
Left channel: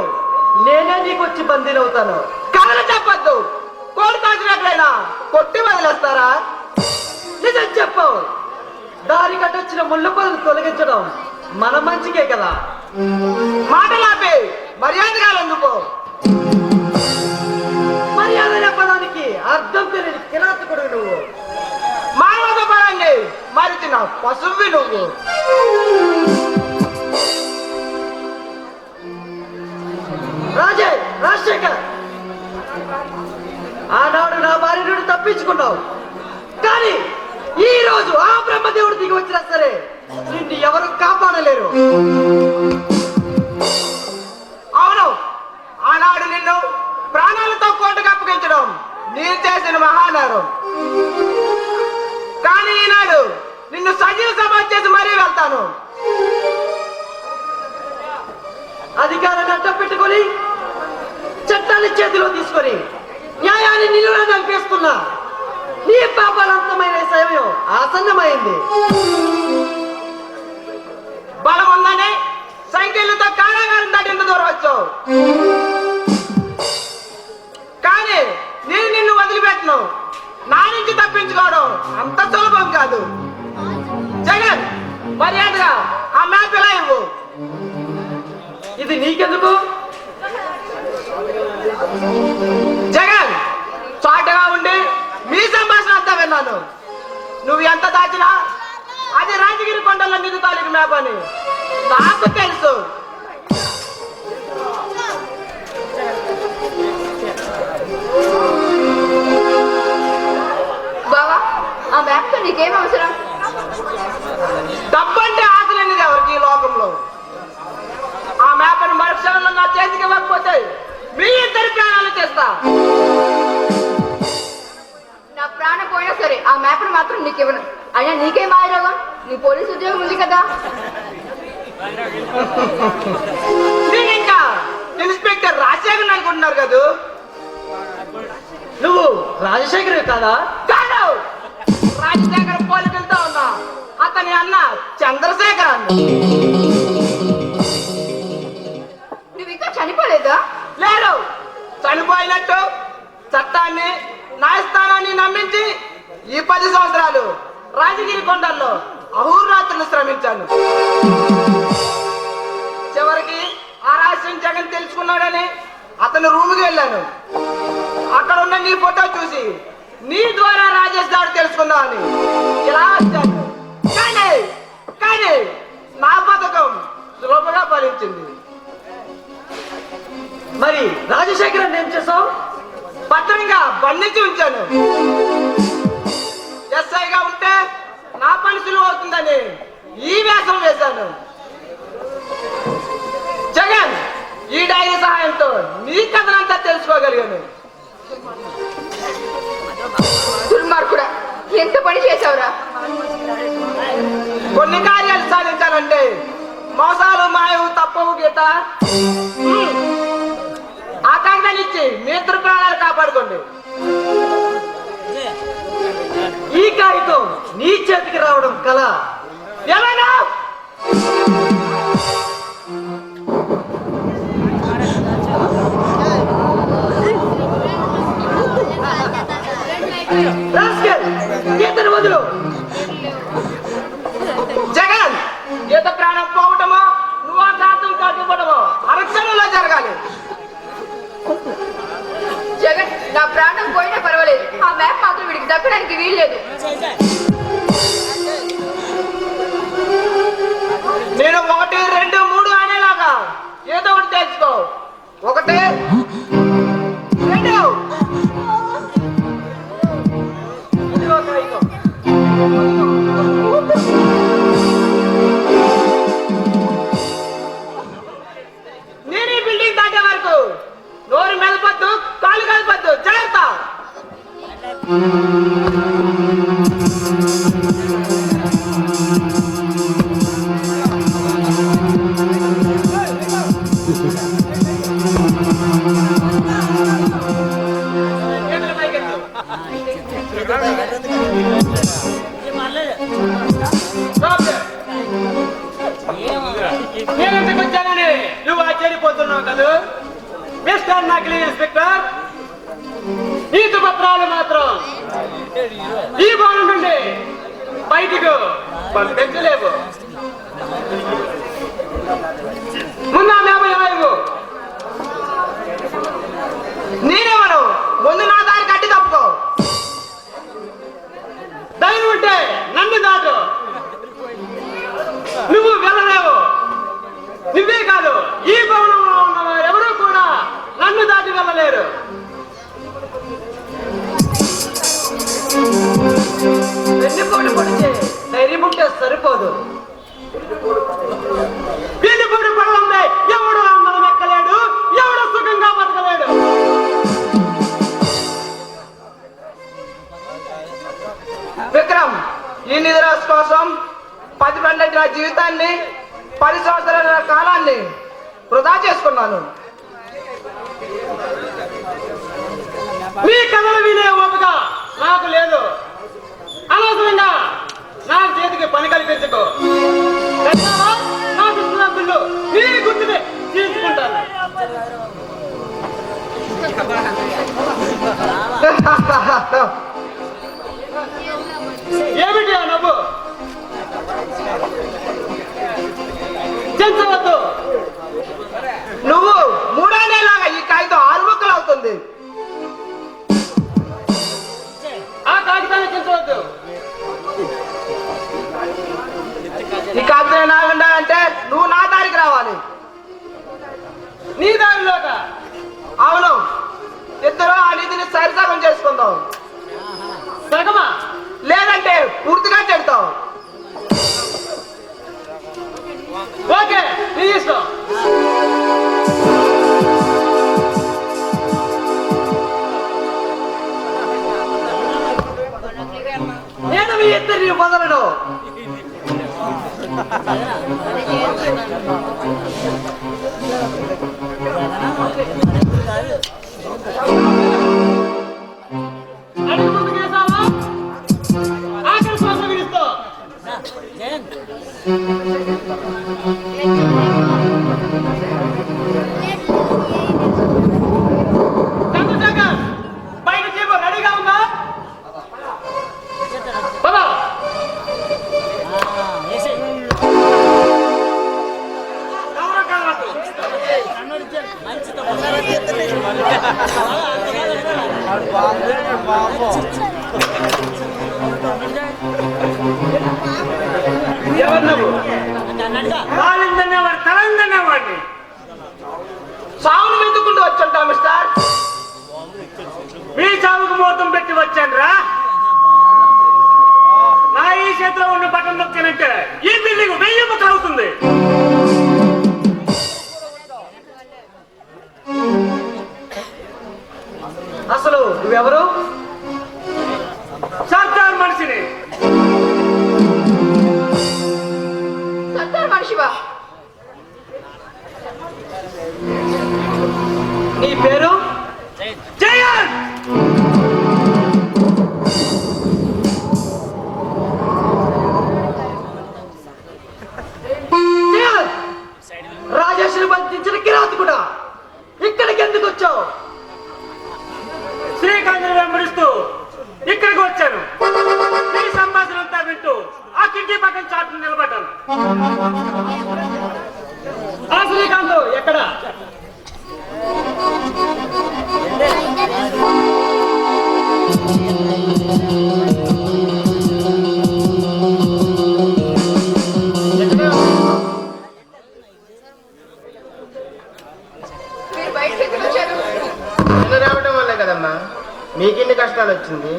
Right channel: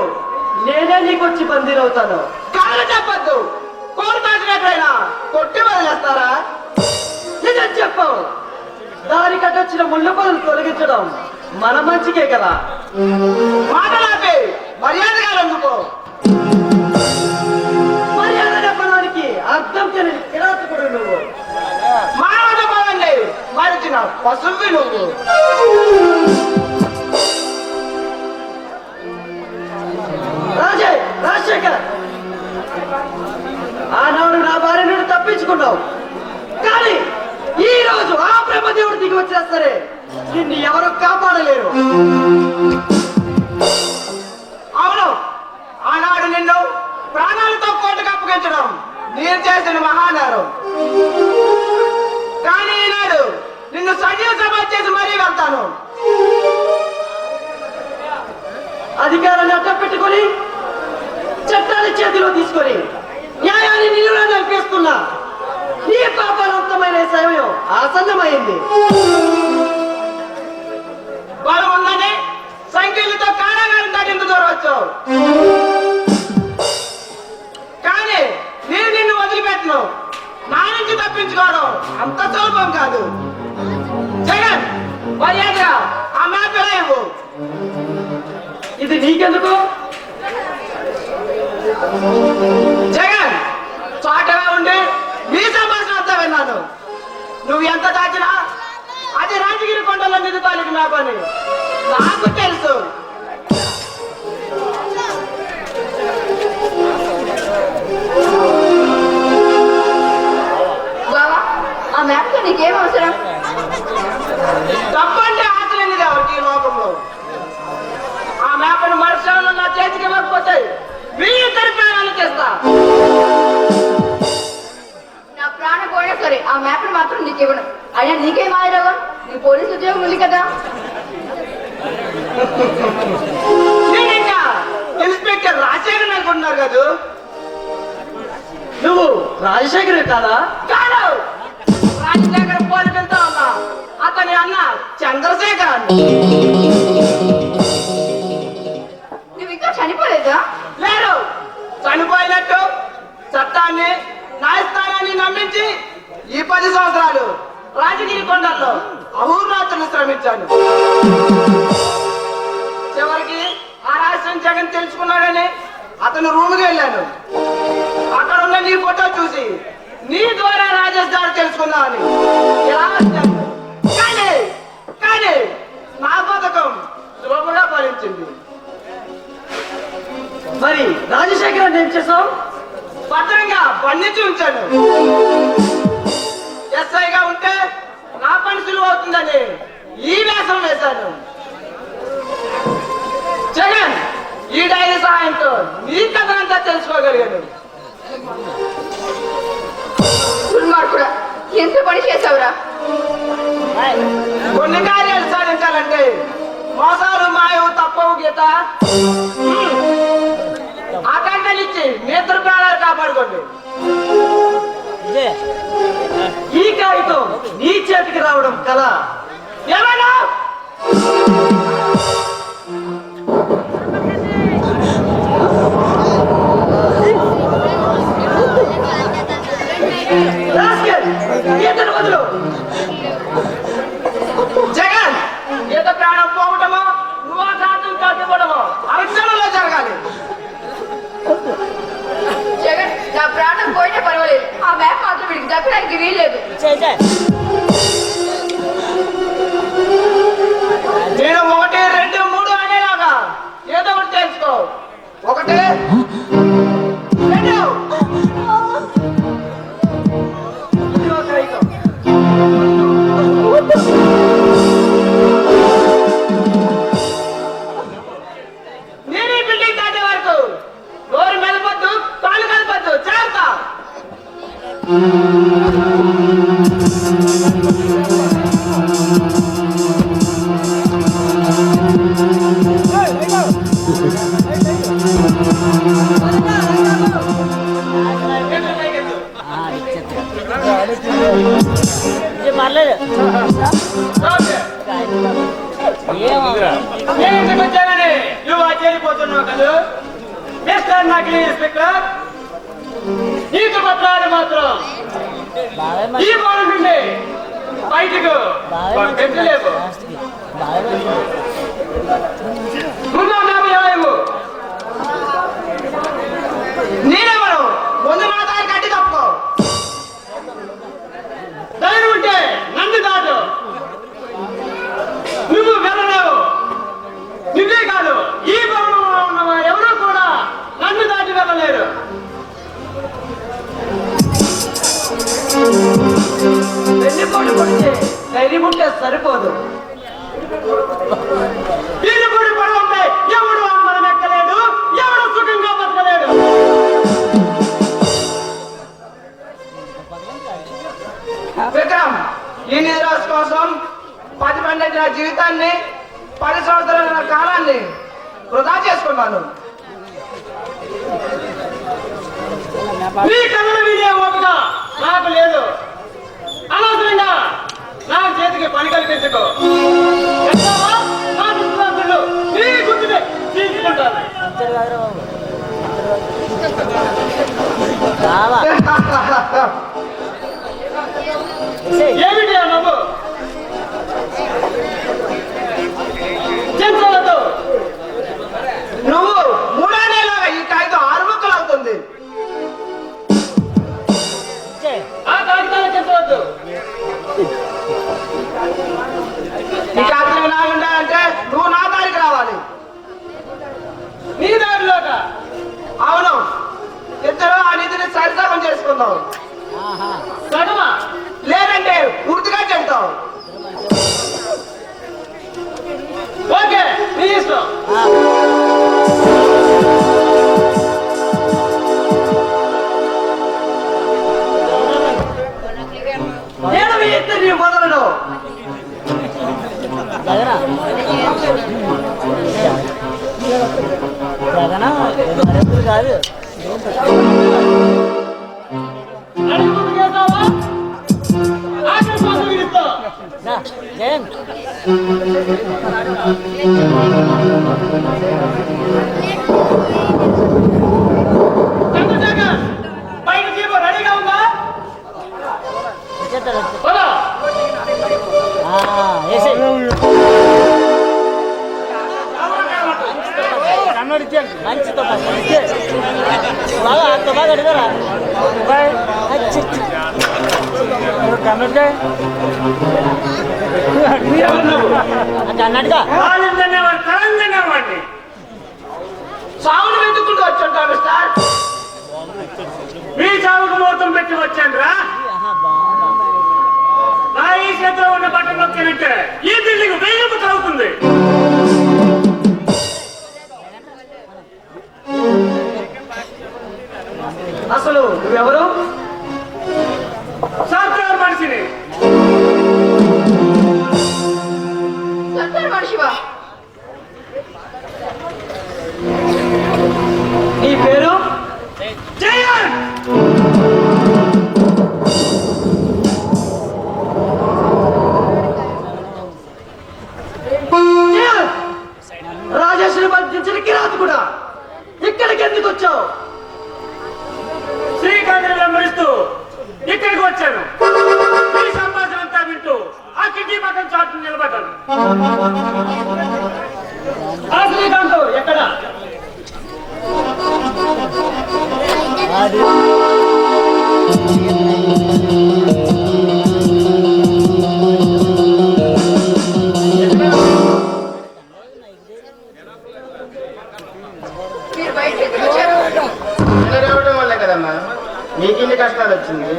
నేనే నీకొచ్చి బందీనవుతాను. కాళ్ళు చెప్పద్దు. కోడి కాసినట్లయినా కొట్టి వదిలేస్తారా? నిజం చెప్పు. దారి కట్టొచ్చిన ముళ్ళు పనులు తొలగించడం మన మంచికే కదా. మాటలాపి మర్యాదగా అందుకో. మర్యాద చెప్పడానికి అర్థం తెలియని కిరాతకుడు నువ్వు. మానవత పరండి మరిచిన పశువి నువ్వు. రాజశేఖర్, ఆనాడు నా భార్య నుండి తప్పించుకున్నావు. కానీ ఈ రోజు ఆ బ్రహ్మదేవుడు దిగి వచ్చినా సరే నిన్ను ఎవరు కాపాడలేరు. అవును, ఆనాడు నిన్ను ప్రాణాలతో కోటకు అప్పగించడం నేను చేసిన మహానేరం. కానీ ఈనాడు నిన్ను సజీవ సభ చేసి మరీ వెళ్తాను. అధికారాన్ని అడ్డం పెట్టుకొని చట్టాన్ని చేతిలో తీసుకొని న్యాయాన్ని నిలువులో నడిపిస్తున్నా నీ పాపాలంతమైన సమయం ఆసన్నమైంది. బలం ఉందని సంఖ్యలతో కారాగారం దాటింత దూరం వచ్చావు. కానీ నేను నిన్ను వదిలిపెట్టను. నా నుంచి తప్పించుకోవడం అంత సులభం కాదు. జగన్, మర్యాదగా ఆ మ్యాప్ ఎలా ఇవ్వు. ఇది నీకెందుకు? జగన్, చాటుగా ఉండి మీ సంభాషణ అంతా విన్నాను. నువ్వు ఎంత దాచినా అది రాజగిరి కొండల మీద తాలూకు మ్యాప్ అని నాకు తెలుసు. బావా, ఆ మ్యాప్ తో నీకేం అవసరం? డబ్బు అంటే ఆశ లేనిది ఎవరికి ఈ లోకంలో. ఆ మ్యాప్ను మరుక్షణంలో నా చేతికి ఇవ్వకపోతే మీ ఇద్దరి ప్రాణాలు చేస్తా. నా ప్రాణం పోయినా సరే ఆ మ్యాప్ మాత్రం నీకు ఇవ్వను. అయినా నీకేం మాయరాగం? నీ పోలీసు ఉద్యోగం ఉంది కదా. నేను ఇంకా ఇన్స్పెక్టర్ రాజశేఖర్ అనుకుంటున్నారు కదా. నువ్వు రాజశేఖర్ కాదా? కాదు, రాజశేఖర్ పోలికలతో ఉన్నా అతని అన్న చంద్రశేఖర్. నువ్వు ఇంకా చనిపోలేదా? లేరు, చనిపోయినట్టు చట్టాన్ని న్యాయస్థానాన్ని నమ్మించి ఈ 10 సంవత్సరాలు రాజగిరి కొండల్లో అహోరాత్రులు శ్రమించాను. చివరికి ఆ రహస్యం జగన్ తెలుసుకున్నాడని అతను రూమ్కి వెళ్ళాను. అక్కడ ఉన్న నీ ఫోటో చూసి నీ ద్వారా రాజేష్ గారు తెలుసుకుందామని ఇలా వచ్చాను. కానీ నా పథకం సులభంగా ఫలించింది. మరి రాజశేఖర్ ఏం చేసావు? భద్రంగా బంధించి ఉంచాను. ఎస్ఐగా ఉంటే నా పని సులువు అవుతుందని ఈ వేషం వేశాను. జగన్, ఈ డైరీ సహాయంతో నీ కథనంతా తెలుసుకోగలిగాను. దుర్మార్గుడా, ఎంత పని చేశావురా? కొన్ని కార్యాలు సాధించాలంటే మోసాలు మాయవు తప్పవు గీత. ఆకాంక్షనిచ్చి మీ ఇద్దరు ప్రాణాలు కాపాడుకోండి. ఈ కాగితం నీ చేతికి రావడం కళ. ఎవరు? ఇతను వదులు. జగన్, ఈత ప్రాణం పోవటమో నువ్వు ఆ శాతం కట్టుకోవడమో అవసరంలో జరగాలి. జగన్, నా ప్రాణం పోయినా పర్వాలేదు. ఆ మ్యాప్ మాత్రం వీడికి దక్కడానికి వీల్లేదు. నేను 1, 2, 3 అనేలాగా ఏదో ఒకటి తెలుసుకో. 1, 2. ఇదిగో కాగితం. నేను ఈ బిల్డింగ్ దాటే వరకు నోరు మెదపద్దు, కాలు కలపద్దు. జాగ్రత్త. నేను వచ్చానని నువ్వు ఆశ్చర్యపోతున్నావు కదా మిస్టర్ నకిలీ ఇన్స్పెక్టర్. నీకు పత్రాలు మాత్రం ఈ భవనం నుండి బయటకు పంపించలేవు. ముందు ఏమలేవు. నేనెవరు? ముందు నా దారి కట్టి తప్పుకో. ధైర్యం ఉంటే నన్ను దాటు. నువ్వు వెళ్ళలేవు. నువ్వే కాదు, ఈ భవనంలో ఉన్న వారెవరూ కూడా నన్ను దాటి వెళ్ళలేరు. వెన్నుకోడు కొడితే ధైర్యం ఉంటే సరిపోదు. వీధిపూడి పడలంటే ఎవడు అమ్మలు ఎక్కలేడు, ఎవడు సుఖంగా బతకలేడు. విక్రమ్, ఈ నిధురాశి కోసం 10 మంది నా జీవితాన్ని 10 సంవత్సరాల నా కాలాన్ని వృధా చేసుకున్నాను. నీ కథలు వినే ఓపిక నాకు లేదు. అనవసరంగా నా చేతికి పని కల్పించకు. వెళ్తావా? నా విశ్రాంతులు నీ గుర్తునే తీసుకుంటాను. ఏమిటి ఆ నవ్వు? చెంచవద్దు. నువ్వు మూడేళ్ళలాగా ఈ కాగితం 6 ముక్కలు అవుతుంది. ఆ కాగితాన్ని చెంచవద్దు. ఈ కాగితం నాగుండా అంటే నువ్వు నా దారికి రావాలి. నీ దారిలోట. అవును, ఇద్దరు ఆ నిధిని సరిసగం చేసుకుందాం. సగమా? లేదంటే పూర్తిగా చెప్తావు. ఓకే, నీ ఇష్టం. నేను మీ ఇద్దరిని మొదలను. అడుగు ముందుకేద్దామా? ఆఖరి శ్వాస విడుస్తా. చంద్రశేఖర్, పైన జీపు రెడీగా ఉందా? పద. మంచితో బాగా అంత బాగా అడిగారా అన్నట్టుగా వాళ్ళిద్దరినేవాడు కలందనేవాడిని. సాగును వెతుక్కుంటూ వచ్చుంటావు మిస్టర్. మీ చావుకు ముహూర్తం పెట్టి వచ్చాను రా. నా ఈ చేతిలో ఉన్న బట్టలు నొక్కినట్టే ఈ బిల్డింగ్ 1000 రూపాయలు అవుతుంది. అసలు నువ్వెవరు? సర్కార్ మనిషిని. సర్కార్ మనిషివా? నీ పేరు? జయన్. రాజేశ్వరి బంధించిన కిరాతి కూడా ఇక్కడికి ఎందుకు వచ్చావు? శ్రీకాంత్ వెంబడిస్తూ ఇక్కడికి వచ్చాను. ఈ సంభాషణ అంతా వింటూ ఆ కిటికీ పక్కన చాటు నిలబడ్డాను. ఆ శ్రీకాంత్ ఎక్కడ? మీరు బయటకు ఎక్కడ వచ్చారు? ఇల్లు రావడం వల్లే కదమ్మా మీకిన్ని కష్టాలు వచ్చింది.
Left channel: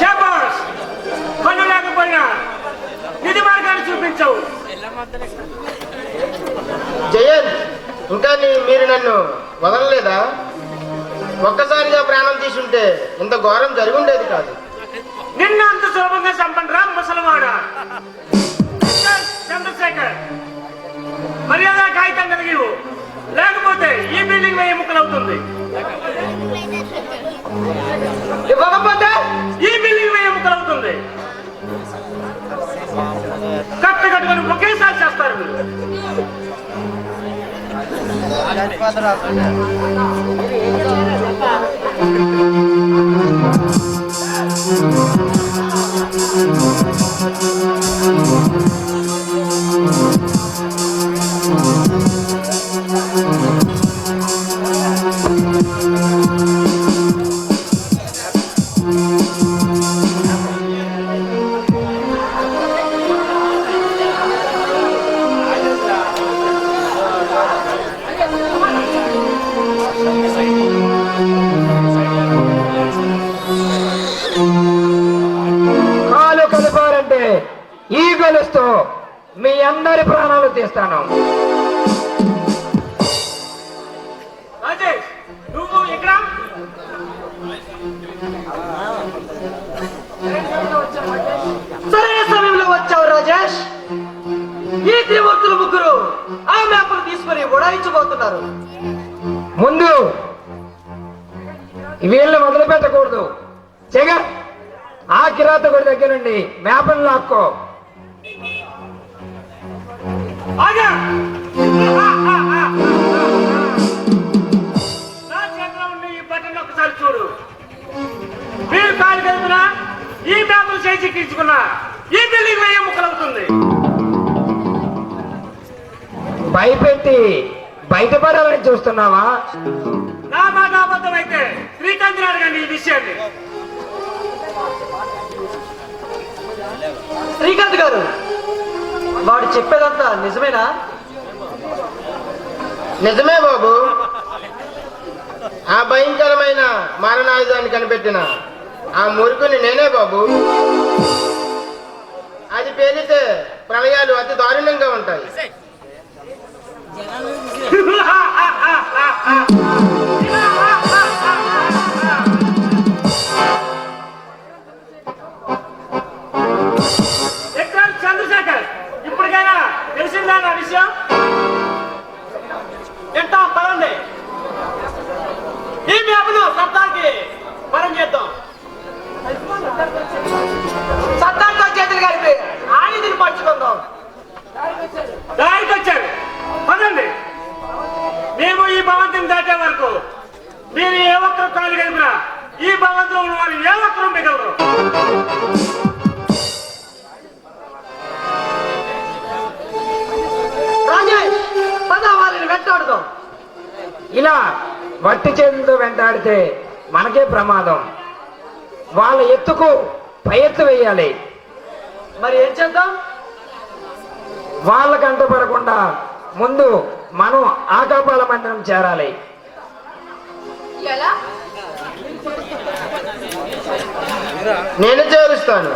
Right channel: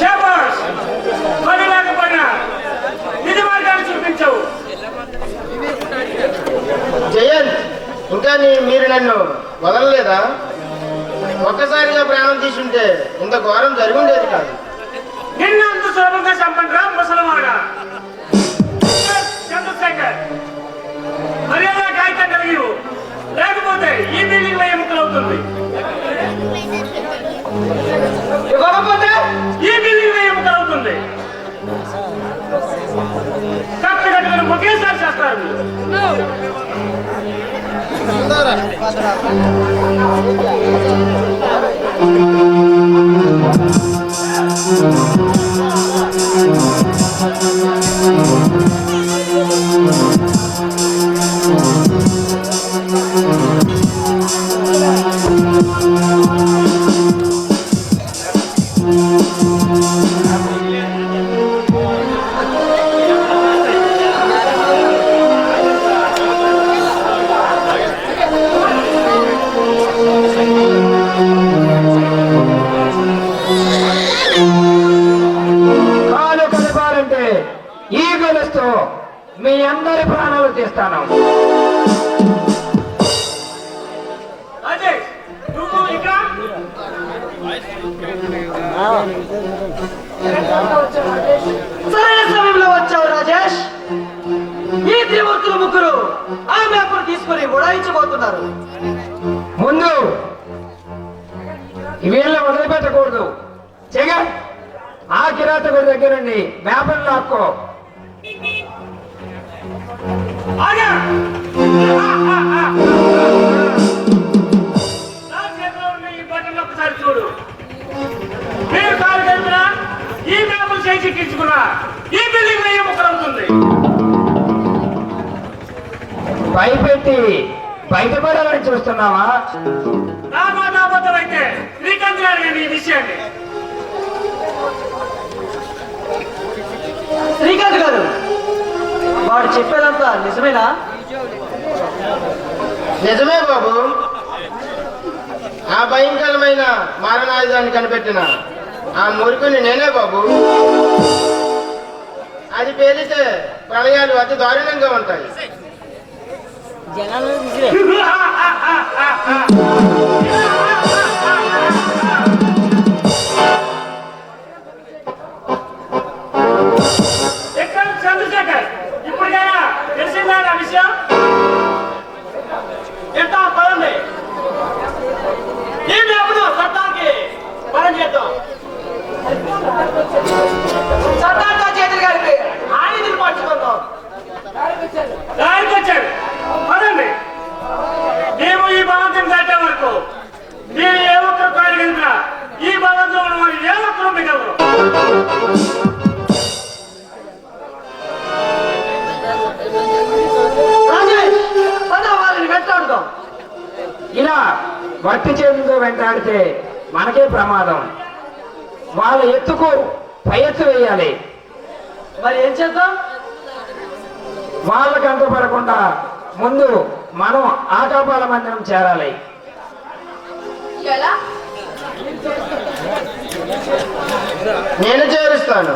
శాబాష్, పని లేకపోయినా నిధి మార్గాన్ని చూపించవు. జయంత్, ఇంకా మీరు నన్ను వదలలేదా? ఒక్కసారిగా ప్రాణం తీసుంటే ఇంత ఘోరం జరిగి ఉండేది కాదు. నిన్న అంత సులభంగా చంపండి రా ముసలివాడ. చంద్రశేఖర్, మర్యాద కాగితం కలిగి లేకపోతే ఈ బిల్డింగ్ 1000 ముక్కలు అవుతుంది. ఇవ్వకపోతే కాదు. కాలు కలపాలంటే ఈ గొలుసుతో మీ అందరి ప్రాణాలు తీస్తాను. రాజేష్, నువ్వు ఇక్కడ సరైన సమయంలో వచ్చావు రాజేష్. ఈ త్రిమూర్తులు ముగ్గురు ఆ మేపను తీసుకుని ఉడాయించబోతున్నారు. ముందు వీళ్ళని వదిలిపెట్టకూడదు. జగన్, ఆ కిరాతకుడి దగ్గర నుండి మేపను లాక్కో. ఆగా! నా చేతిలో ఉండే ఈ బటన్ ఒకసారి చూడు. మీరు కాలు కలిపినా ఈ మేపలు చేయించుకున్నా ఈ బిల్డింగ్ వెయ్యి ముక్కలవుతుంది. భయపెట్టి బయటపడాలని చూస్తున్నావా? నా మాట అబద్ధం అయితే శ్రీకాంత్ గారు ఈ విషయాన్ని. శ్రీకాంత్ గారు, వాడు చెప్పేదంతా నిజమేనా? నిజమే బాబు. ఆ భయంకరమైన మారణాయుధాన్ని కనిపెట్టిన ఆ మురుకుని నేనే బాబు. అది పేలితే ప్రళయాలు అతి దారుణంగా ఉంటాయి. ఎక్కడ చంద్రశేఖర్, ఇప్పటికైనా తెలిసిందా నా విషయం? ఎంత పదండి, ఈ మేపను సత్తానికి పరం చేద్దాం. సత్తాంతా చేతులు కలిపి ఆయుధిని పట్టుకుందాం. దారికి వచ్చాడు, పదండి. మేము ఈ భవంతిని దాటే వరకు మీరు ఏ ఒక్కరు కాదు కలిపినా ఈ భవంతిలో ఉన్న వారు ఏ ఒక్కరు మిగలరు. రాజేష్, పద వాళ్ళని వెంటాడుదాం. ఇలా వట్టి చేతులతో వెంటాడితే మనకే ప్రమాదం. వాళ్ళ ఎత్తుకు పై ఎత్తు వేయాలి. మరి ఏం చేద్దాం? వాళ్ళకి అంటుపడకుండా ముందు మనం ఆకాపాల మందిరం చేరాలి. ఎలా? నేను చేరుస్తాను.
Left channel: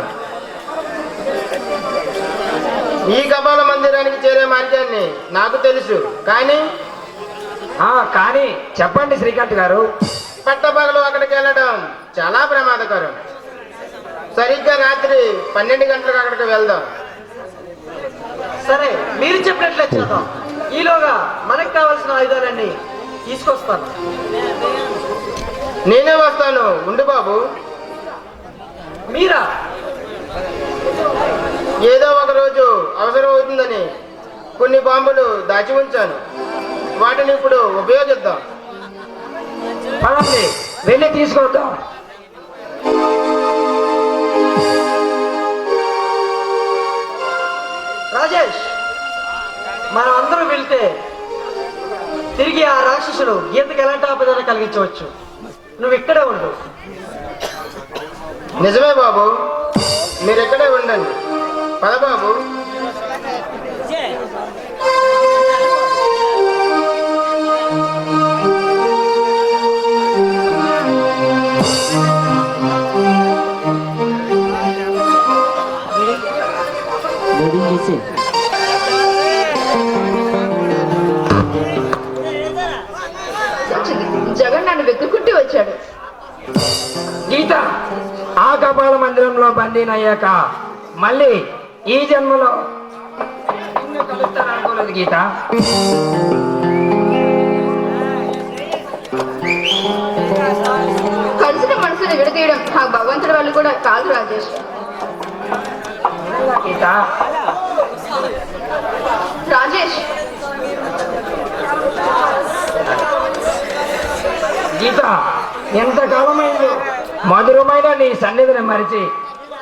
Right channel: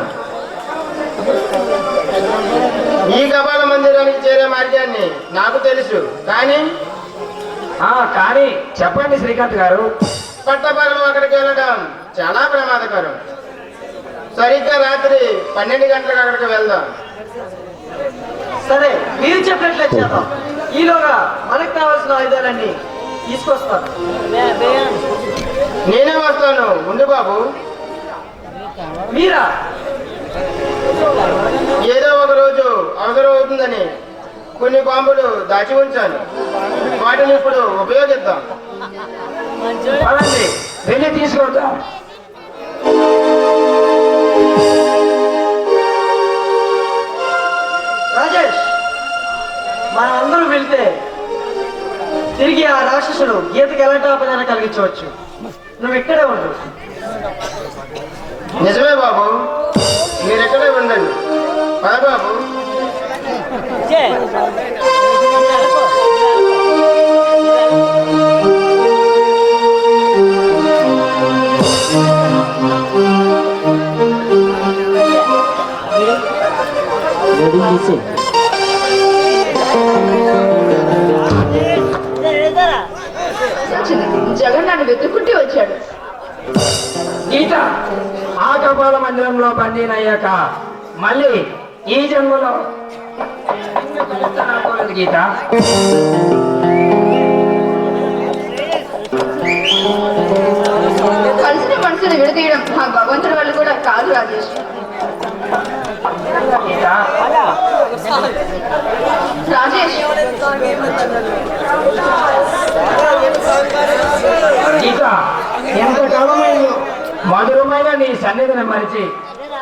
ఈ కపాల మందిరానికి చేరే మార్గాన్ని నాకు తెలుసు. కానీ కానీ చెప్పండి శ్రీకాంత్ గారు. పట్టపగలు అక్కడికి వెళ్ళడం చాలా ప్రమాదకరం. సరిగ్గా రాత్రి 12 గంటలకు అక్కడికి వెళ్దాం. సరే, మీరు చెప్పినట్లే చేద్దాం. ఈలోగా మనకు కావాల్సిన ఆయుధాలన్నీ తీసుకొస్తాను. నేనే వస్తాను. ఉండు బాబు. మీరా? ఏదో ఒక రోజు అవసరం అవుతుందని కొన్ని బాంబులు దాచి ఉంచాను. వాటిని ఇప్పుడు ఉపయోగిద్దాం. పదండి, వెళ్ళి తీసుకొద్దాం. రాజేష్, మనం అందరూ వెళ్తే తిరిగి ఆ రాక్షసుడు గీతకి ఎలాంటి ఆపదాన్ని కలిగించవచ్చు. నువ్వు ఇక్కడే ఉండు. నిజమే బాబు, మీరు ఇక్కడే ఉండండి. పద బాబు. జగన్ నన్ను వెతుక్కుంటూ వచ్చాడు. గీత, ఆ కపాల మందిరంలో బందీనయ్యాక మళ్ళీ ఈ జన్మలో అనుకోలేదు గీత. కలిసిన మనసును విడదీయడం ఆ భగవంతుడి వాళ్ళు కూడా కాదు రాజేష్. కదా గీత. రాజేష్, గీత, ఎంతకాలమైంది మధురమైన నీ సన్నిధిని మరిచి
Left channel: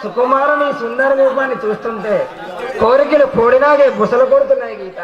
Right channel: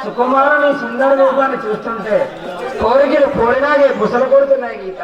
సుకుమారు నీ సుందర రూపాన్ని చూస్తుంటే కోరికలు కోడినాగే బుసలు కొడుతున్నాయి గీత.